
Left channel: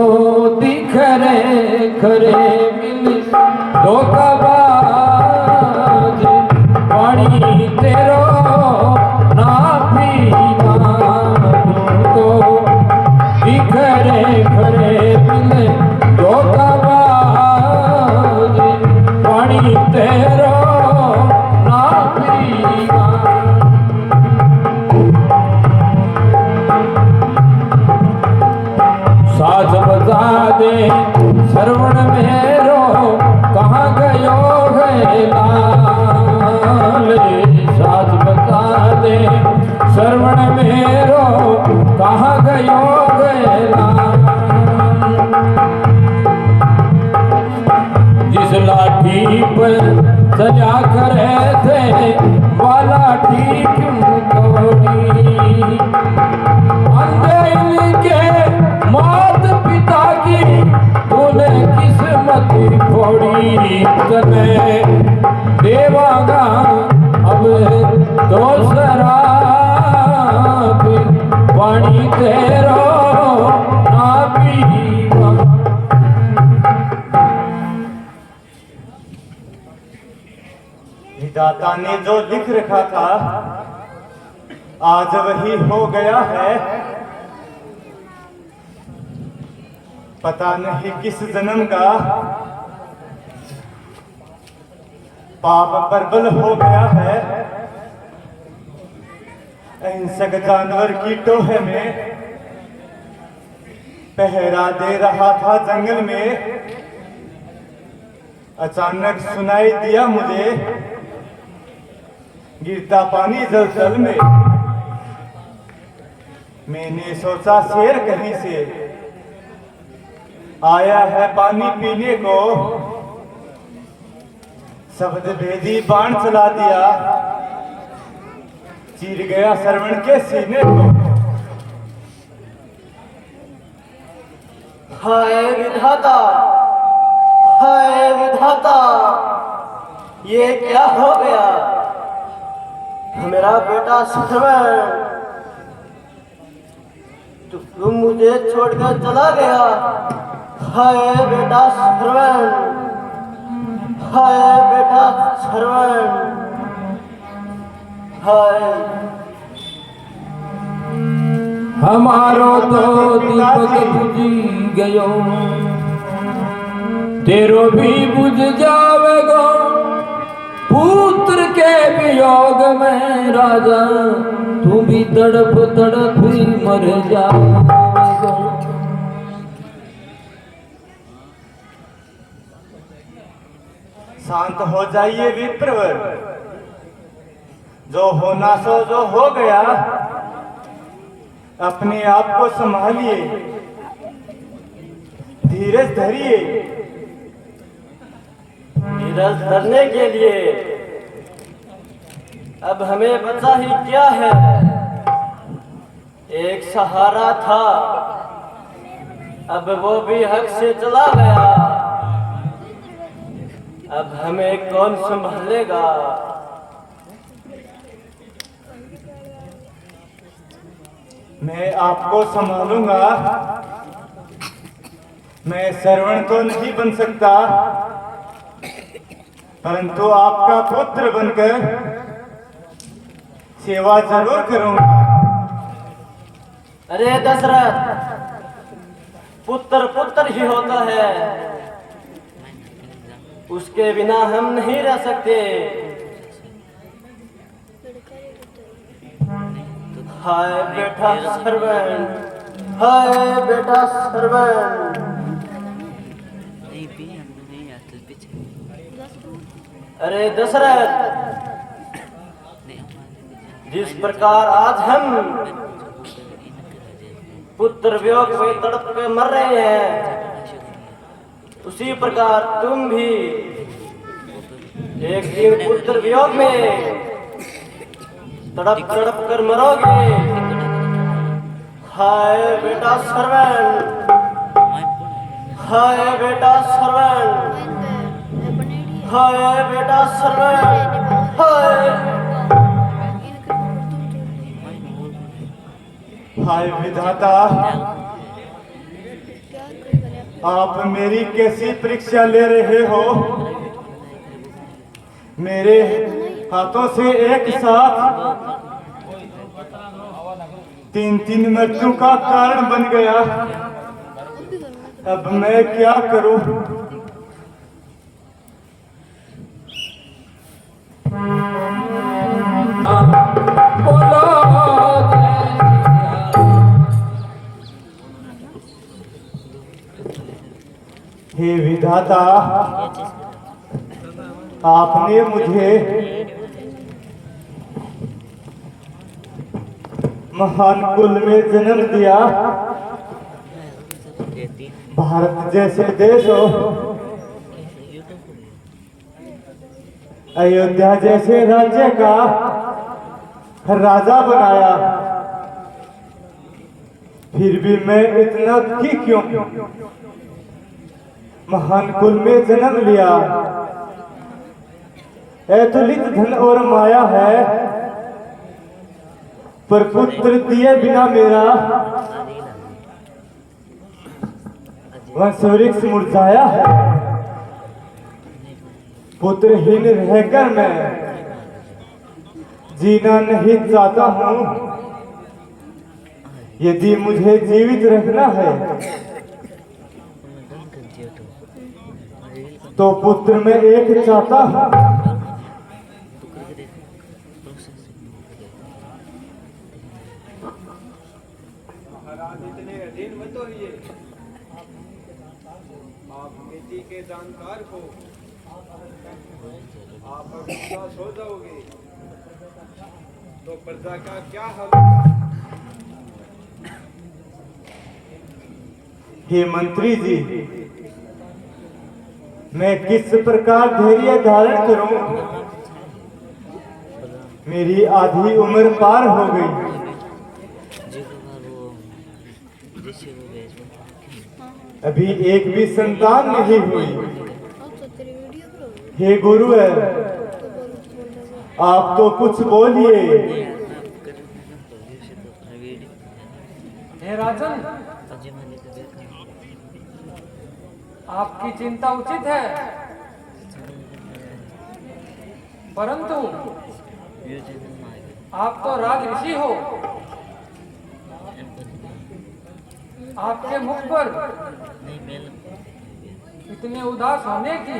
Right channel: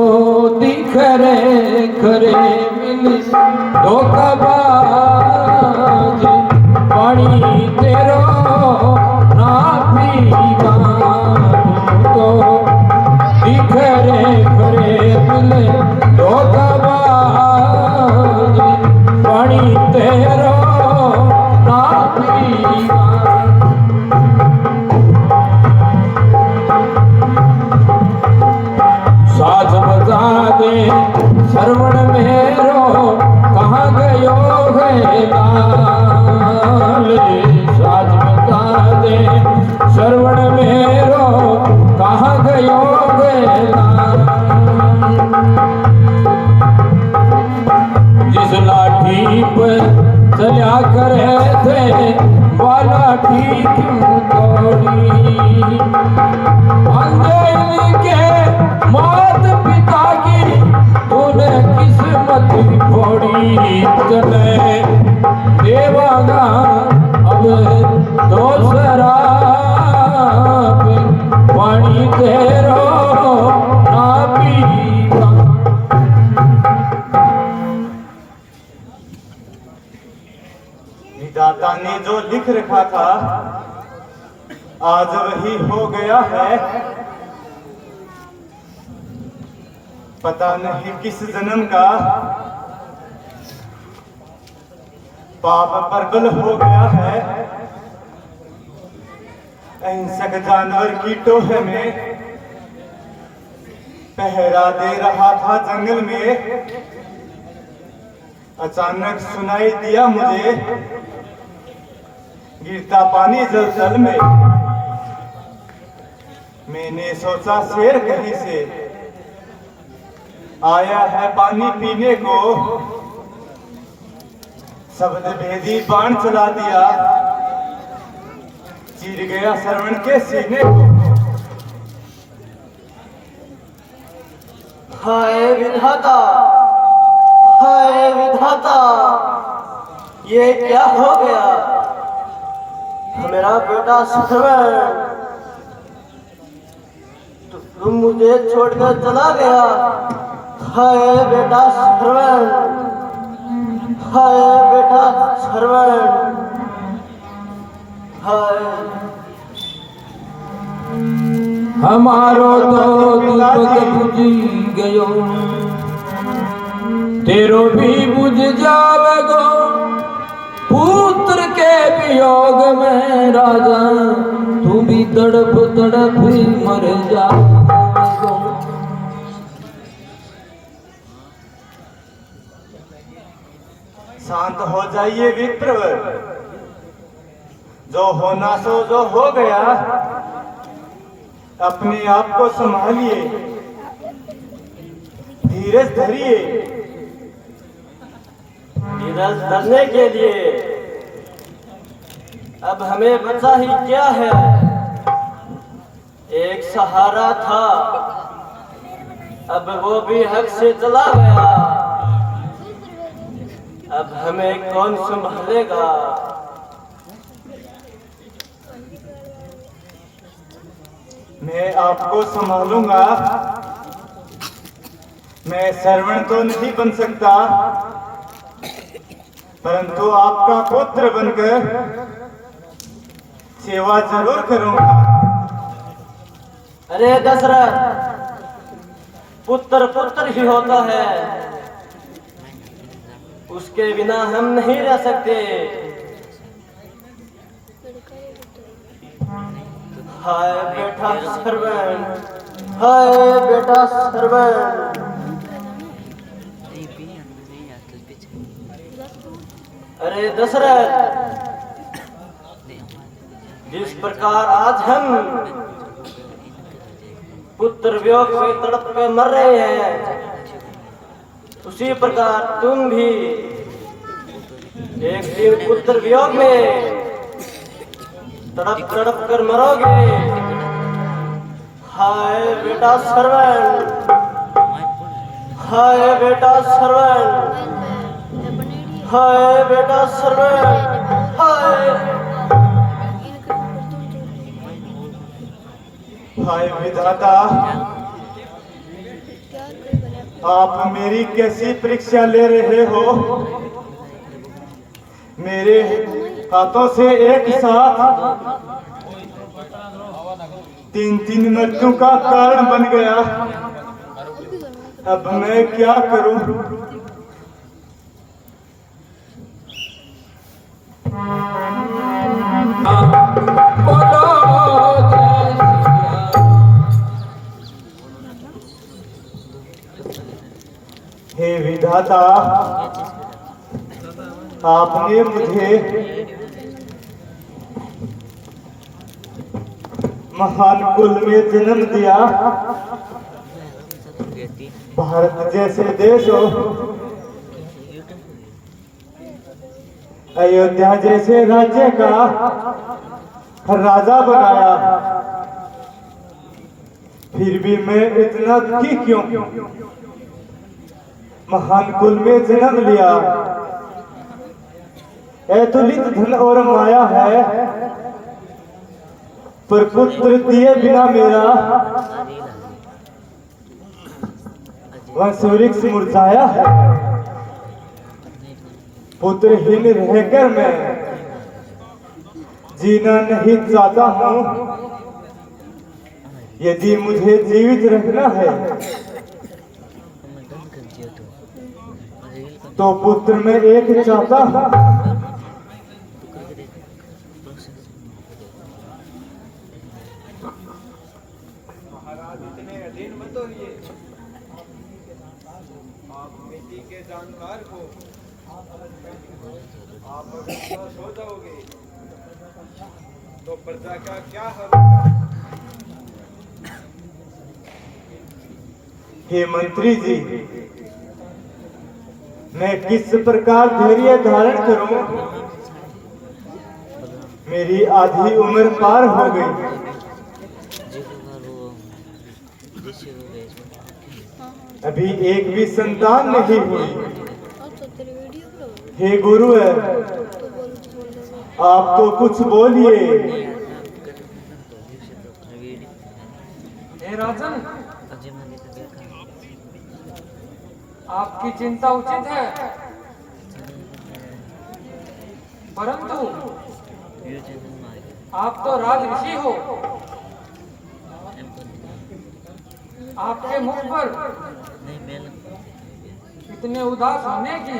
दिखरे खरे मिल धोखाबाज, पानी तेरा ना पीवा। तू तो दिखरे खरे मिल धोखाबाज, पानी तेरा ना पीवा। साज बजा दे श्रवण मेरो, कहाँ गयो है लाल। साज बजा दे श्रवण मेरो, कहाँ गयो है लाल। जिस लाठी पर चला करे थे, वाला लाठी क्यों तोड़ी। अंधेरी के मात पिता की तूने किस्मत फोड़ी। तने देवागा अब दूसरा पानी तेरो ना पीवा। विधाता ने जो लिख रखा था आज वही हो गया है। पता नहीं किस जन्म का पाप प्रबल हो गया है। अहिंसक जानवर की टोहे में पहरा दे रहा था जंगल में। अचानक सुनाई दिया मुझे गिरता पानी जल जल में। मैंने सोचा शेर कहीं से आया है पानी पीने को। शब्द भेदी बाण चला दिया, चीर गया श्रवण के सीने को। हाय विधाता, हाय विधाता, ये क्या हो गया? मेरा बेटा श्रवण, तुम मुझे छोड़कर चला गया। हाय बेटा श्रवण, हाय बेटा श्रवण, हाय। हमारो तो दीपक बुझी गयो, तेरो भी बुझ जावेगो। पुत्र के वियोग में राजा, तू भी तड़प तड़प ही मर जावेगो। शांत हो जाइए विप्रवर, जो होना सो जो हो गया। अपने आप को संभालिए, धीरज धरिए। धीरज धरने के लिए अब हमें बचा ही क्या है? एक सहारा था, अब वो भी हक से चला गया। अब हमें कौन संभालेगा? मैं आपको संभालूंगा। मैं श्रवण तो नहीं बन सकता, परंतु आपका पुत्र बनकर सेवा जरूर करूंगा। अरे दशरथ, पुत्र पुत्र ही होता है, उसके बिना हम नहीं रह सकते। हाय बेटा श्रवण, हाय बेटा श्रवण। अरे दशरथ, जिस प्रकार आज हम पुत्र वियोग में तड़प के मर रहे हैं, उसी प्रकार तुम भी एक दिन पुत्र वियोग में तड़प तड़प कर मरोगे। हाय बेटा श्रवण, हाय बेटा श्रवण, हाय बेटा श्रवण, हाय। हाय विधाता, आप मेरी कैसी परीक्षा ले रहे हो? मेरे हाथों से एक साथ तीन मृत्यु का कारण बन गया। अब मैं क्या करूं? हे विधाता, आपने मुझे महान कुल में जन्म दिया। भारत जैसे देश हो, अयोध्या जैसे राज्य का राजा बनाया, फिर भी मैं इतना दुखी क्यों? महान कुल में जन्म लिया, अतुलित धन और माया है, पर पुत्र दिए बिना मेरा वंश वृक्ष मुरझाया है। पुत्रहीन रहकर मैं जीना नहीं चाहता हूँ। यदि मुझे जीवित रखना है तो पुत्र में एक चाहता हूँ। महाराज इतने अधीन मत होइए। आप नीति के जानकार हो, आप अगर पास हो जाओगे तो प्रजा का क्या हाल होगा? हे मंत्री जी, मैं किस प्रकार धैर्य धारण करूं? मेरी आधी उम्र पार हो गई, अभी एक भी संतान नहीं हुई। हे गुरु है, आप तो कुछ बोलिए। हे राजन, आपकी चिंता उचित है, परंतु आप तो राज ऋषि हो। आपके मुख पर इतने उदास होने की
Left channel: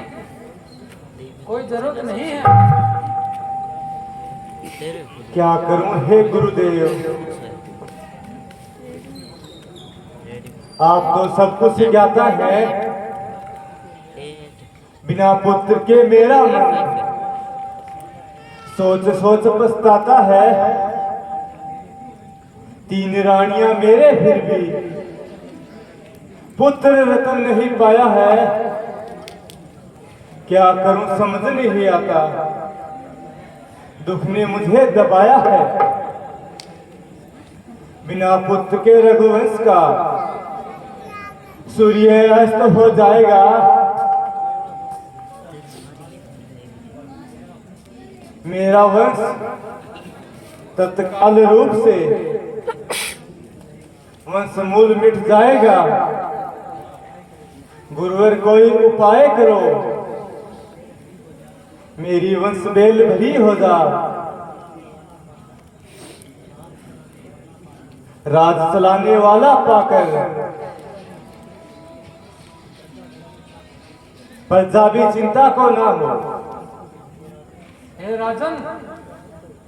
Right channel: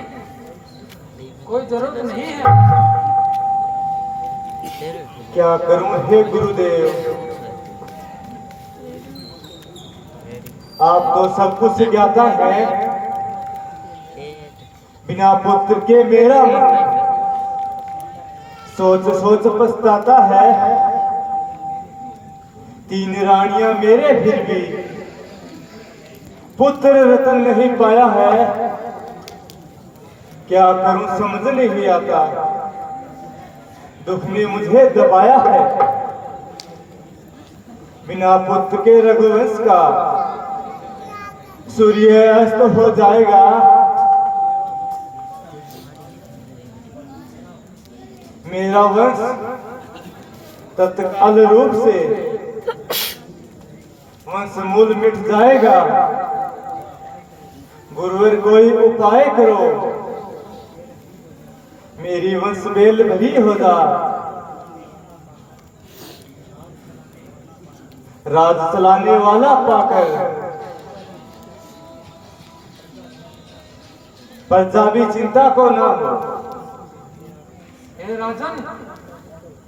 कोई जरूरत नहीं है। क्या करूं हे गुरुदेव, आप तो सब कुछ ज्ञाता है। बिना पुत्र के मेरा मन सोच सोच पछताता है। 3 रानियां मेरे फिर भी पुत्र रतन नहीं पाया है। क्या करूं समझ नहीं आता, दुख ने मुझे दबाया है। बिना पुत्र के रघुवंश का सूर्य अस्त हो जाएगा। मेरा वंश तत्काल रूप से वंश मूल मिट जाएगा। गुरुवर कोई उपाय करो, मेरी वंश बेल भरी हो जा। राज चलाने वाला पाकर प्रजा भी चिंता को ना हो। हे राजन,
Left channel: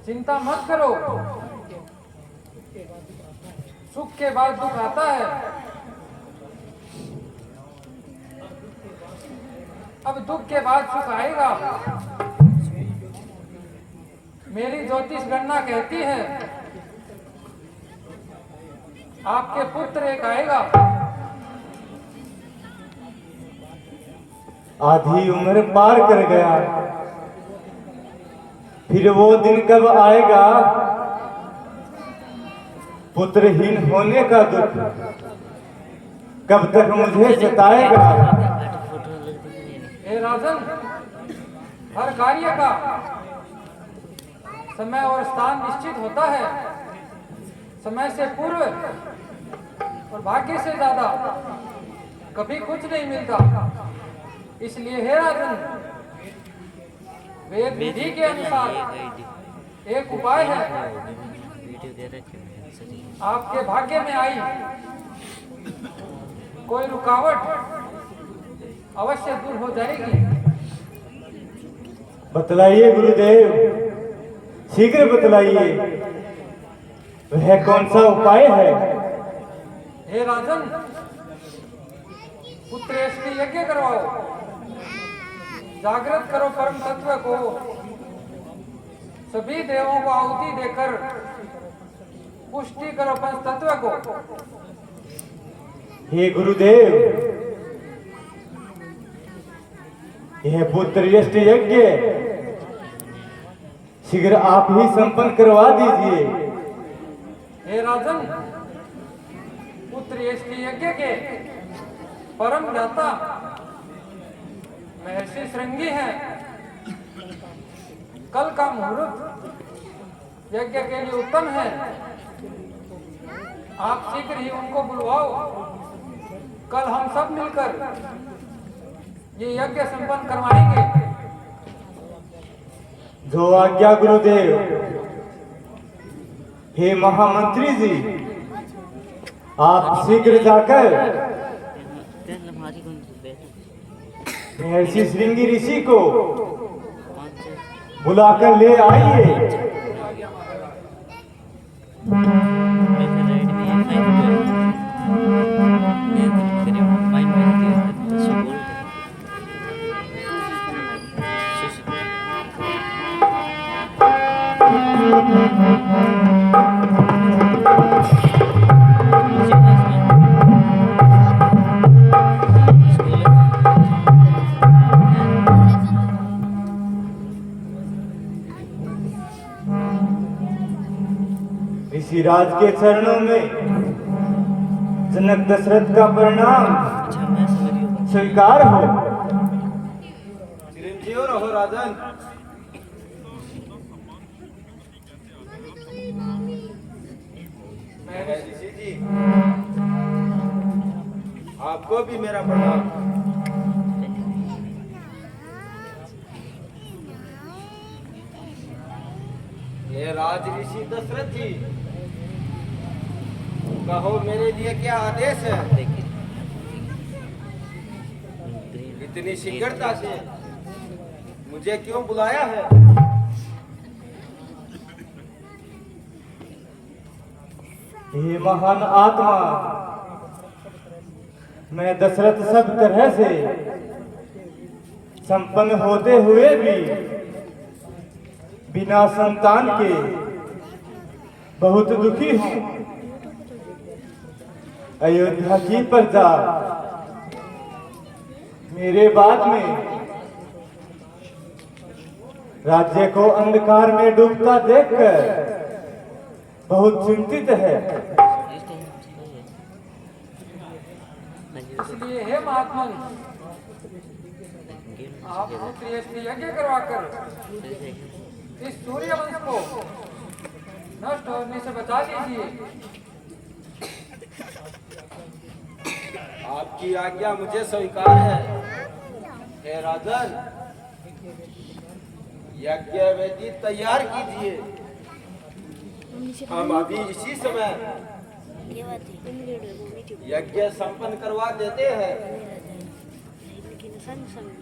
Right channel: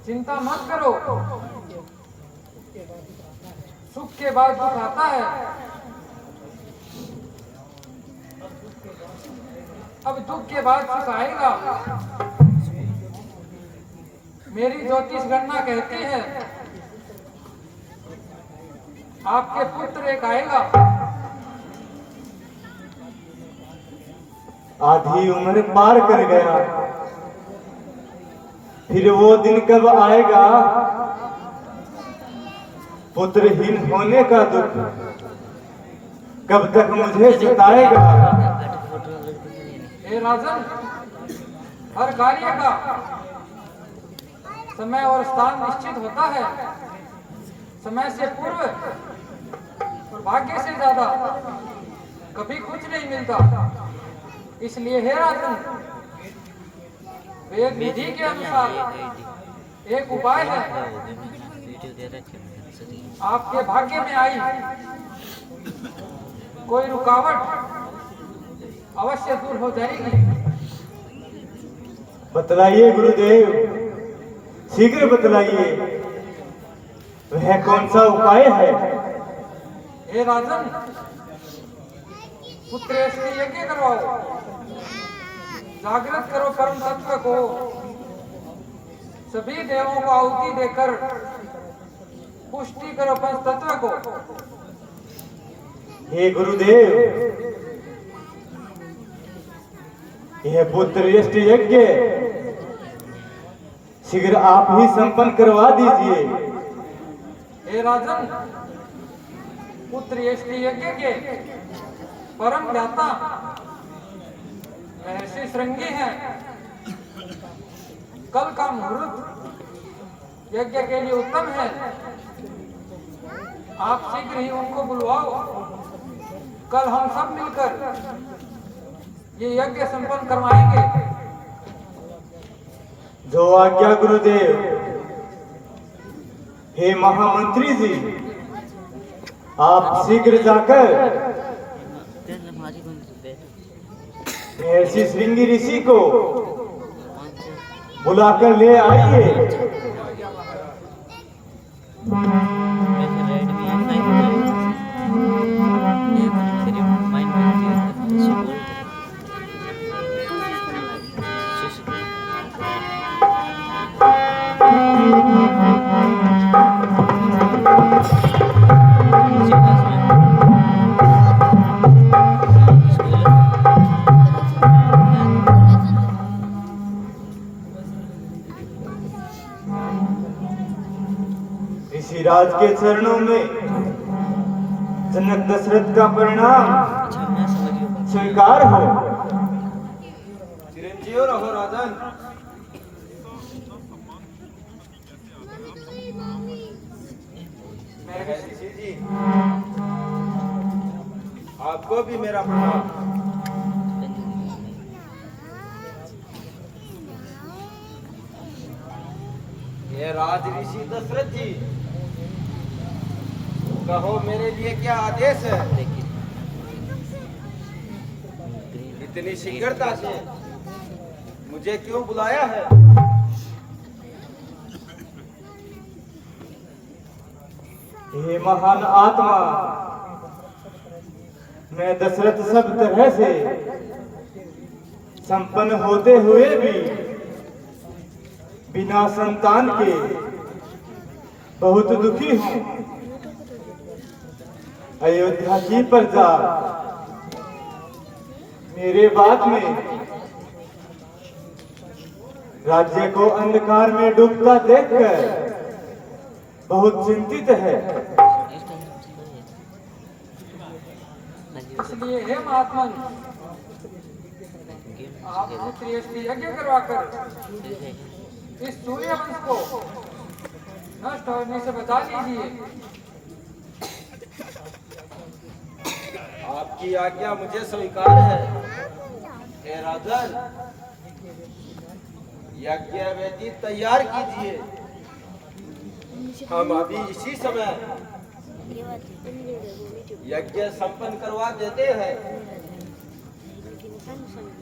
चिंता मत करो, सुख के बाद दुख आता है। अब दुख के बाद सुख आएगा। मेरी ज्योतिष गणना कहती है आपके पुत्र एक आएगा। आधी उम्र पार कर गया, फिर वो दिन कब आएगा? पुत्रहीन होने का दुख कब तक मुझे सताएगा? हे राजन, हर कार्य का समय और स्थान निश्चित होता है। समय से पूर्व और भाग्य से ज्यादा कभी कुछ नहीं मिलता। इसलिए हे राजन, वेद विधि के अनुसार एक उपाय है। आपके भाग्य में आई कोई रुकावट अवश्य दूर हो जाएगी। बतलाइए गुरुदेव, शीघ्र बतलाइए, वह कौन सा उपाय है? हे राजन, पुत्रेष्टि यज्ञ करवाओ, जागृत करो परम तत्व को, सभी देवों को आहुति देकर पुष्टि करो पंच तत्व को। हे गुरुदेव, यह पुत्रयष्टि यज्ञ शीघ्र आप ही संपन्न करवा दीजिए। हे राजन, पुत्रयष्टि यज्ञ के परम ज्ञाता महर्षि श्रृंगी हैं। कल का मुहूर्त यज्ञ के लिए उत्तम है। आप शीघ्र ही उनको बुलवाओ। कल हम सब मिलकर ये यज्ञ संपन्न करवाएंगे। जो आज्ञा गुरुदेव। हे महामंत्री जी, आप शीघ्र जाकर महर्षि श्रृंगी ऋषि को बुलाकर ले आइए। ऋषिराज के चरणों में जनक दशरथ का परिणाम स्वीकार हो। चिरंजीव रहो राजन। ऋषि जी, आपको भी मेरा प्रणाम। ये राज ऋषि दशरथ जी, कहो मेरे लिए क्या आदेश है? इतनी शीघ्रता से मुझे क्यों बुलाया है? हे महान आत्मा, मैं दशरथ सब तरह से संपन्न होते हुए भी बिना संतान के बहुत दुखी हूं। अयोध्या की प्रजा मेरे बाद में राज्य को अंधकार में डूबता देखकर बहुत चिंतित है। इसलिए हे महात्मा, आप पुत्री यज्ञ करवाकर इस सूर्य वंश को नष्ट होने से बचा लीजिए। आपकी आज्ञा मुझे स्वीकार है। हे राजन, यज्ञ वेदी तैयार कीजिए। हम अभी इसी समय यज्ञ संपन्न करवा देते हैं,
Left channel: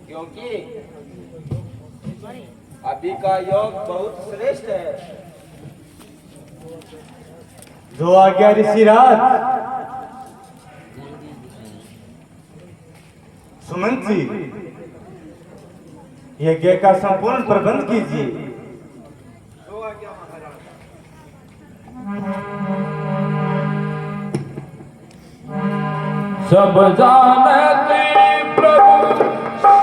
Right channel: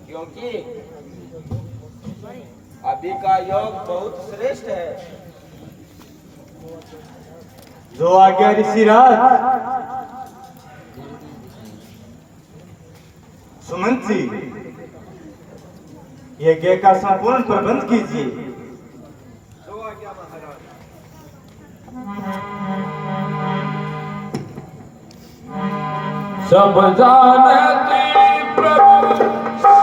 क्योंकि अभी का योग बहुत श्रेष्ठ है। जो आज्ञा ऋषिराज। सुमंत जी, यज्ञ का संपूर्ण प्रबंध कीजिए। जो आज्ञा महाराज। सब जानते प्रभु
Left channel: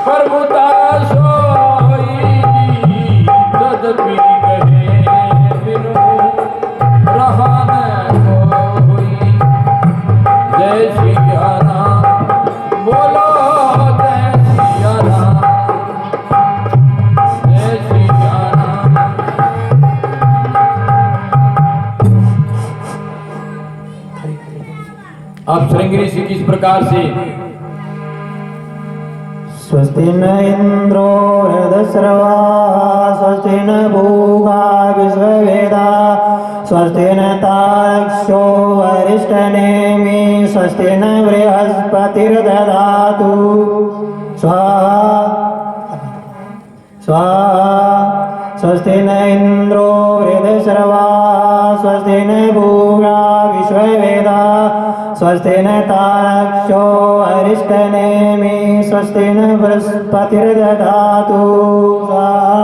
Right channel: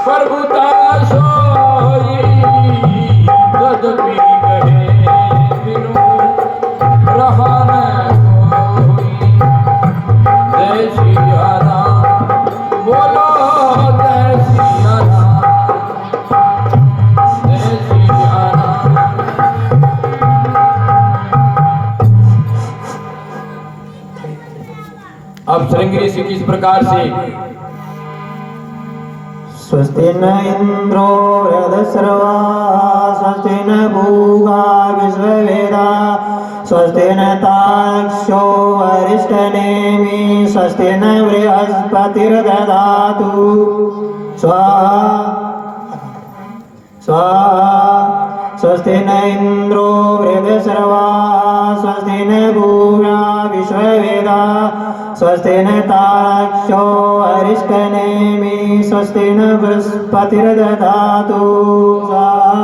प्रभुता सोई, तदपि कहे बिनु रहा न कोई। जय श्री राम बोलो, जय श्री राम, जय श्री राम। अब श्रृंगी ऋषि किस प्रकार से स्वस्ति न इंद्रो हृदस्रवा, स्वस्ति न भूगा विश्ववेदा, स्वस्ति न तारक्षो वरिष्ठनेमि, स्वस्ति न बृहस्पतिर्दधातु स्वाहा स्वाहा। स्वस्ति न इंद्रो हृदस्रवा, स्वस्ति न भूगा विश्ववेदा, स्वस्ति न तारक्षो अरिष्टनेमि, स्वस्ति न बृहस्पतिर्दधातु स्वाहा।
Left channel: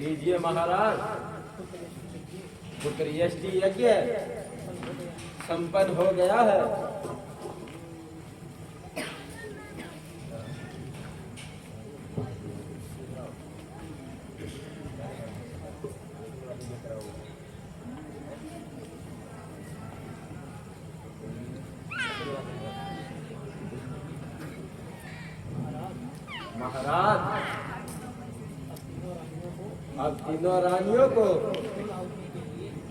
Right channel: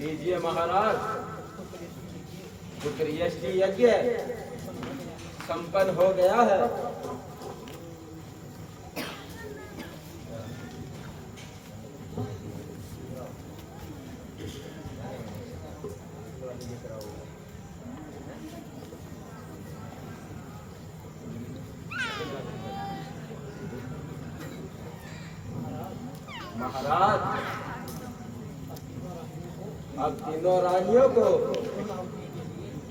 लीजिए महाराज, पुत्रियष्टि यज्ञ संपन्न हो गया है। महाराज, अब तीनों रानियों को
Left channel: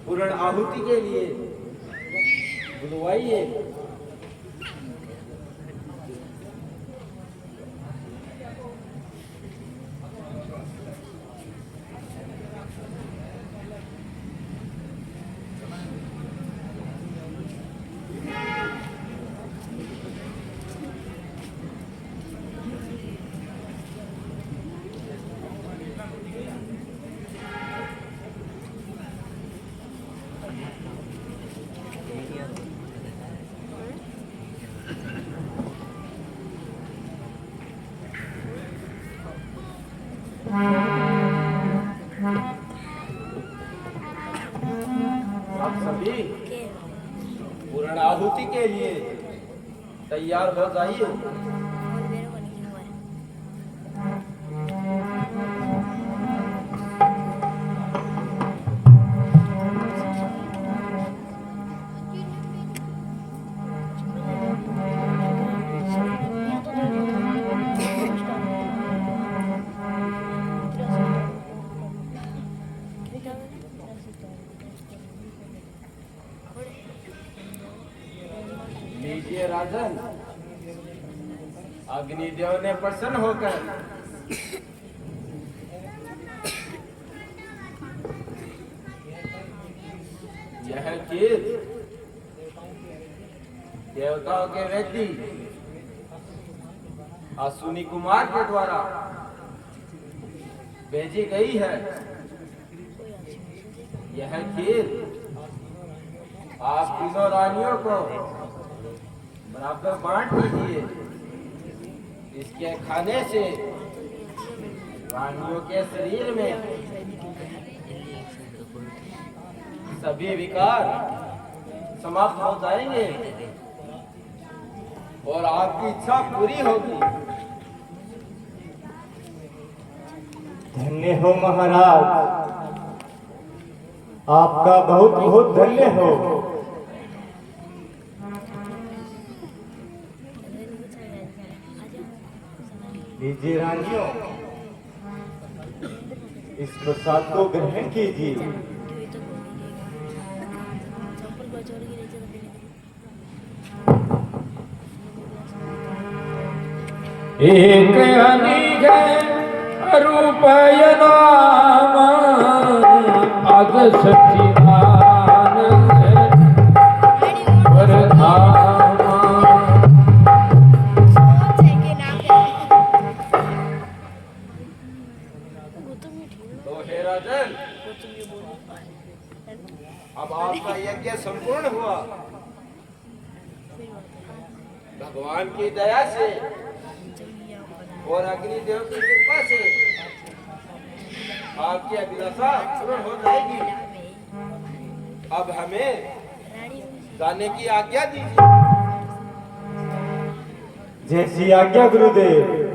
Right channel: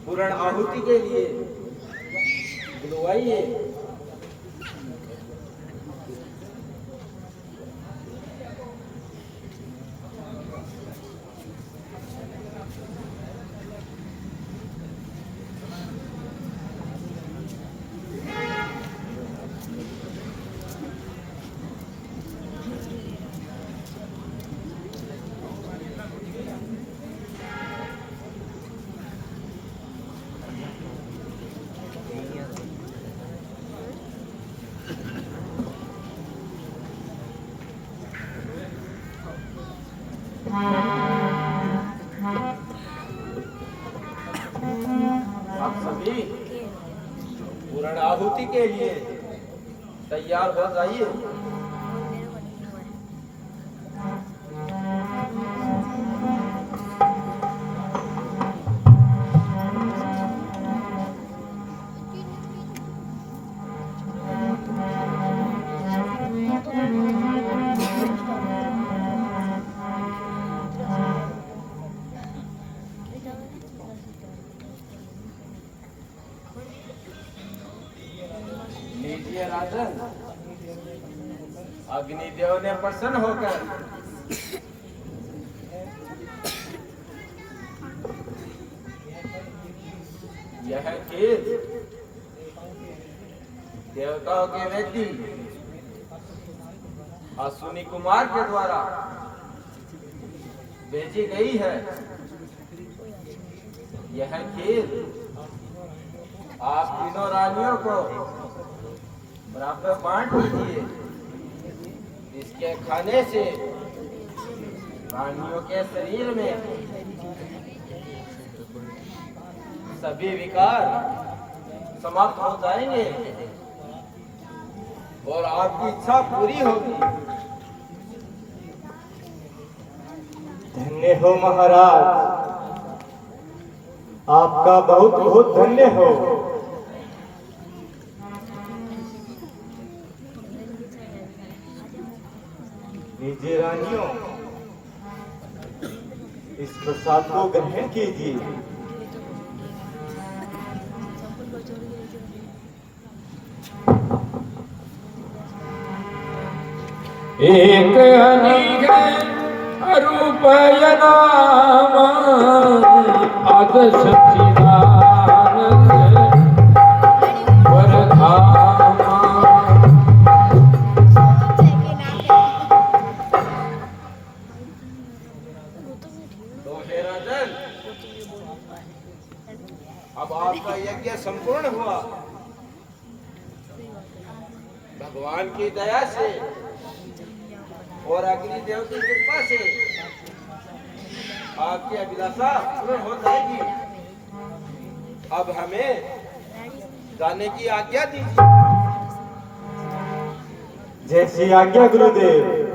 पूर्ण आहुति के लिए बुलवाइए। आप सभी पूर्ण आहुति के लिए तैयार हो जाइए। लीजिए राजन, अग्निदेव ने प्रसन्न होकर यह खीर देवताओं के व्यक्ति अश्विनी कुमार के द्वारा भेजी गई है। यह खीर आप तीनों रानियों को बराबर बांट दीजिए। इसके खाने से रानियों के शरीर में सभी विकार समाप्त हो जाएंगे और आपकी इच्छा पूरी होगी। धन्य हो महाराज, आपका बहुत बहुत धन्य हो। लीजिए रानियों, इस प्रसाद को ग्रहण कीजिए। एक अनेक रूपाय नाम अग सच्चिदानंद वरधाम। तो हे राजन, अब आपका यज्ञ संपूर्ण हुआ। भगवान की दया से और अग्निदेव की कृपा से आपकी अभिलाषा पूर्ण हो जाएगी। अब हमें जाने की आज्ञा दीजिए। जैसी आज्ञा गुरुदेव।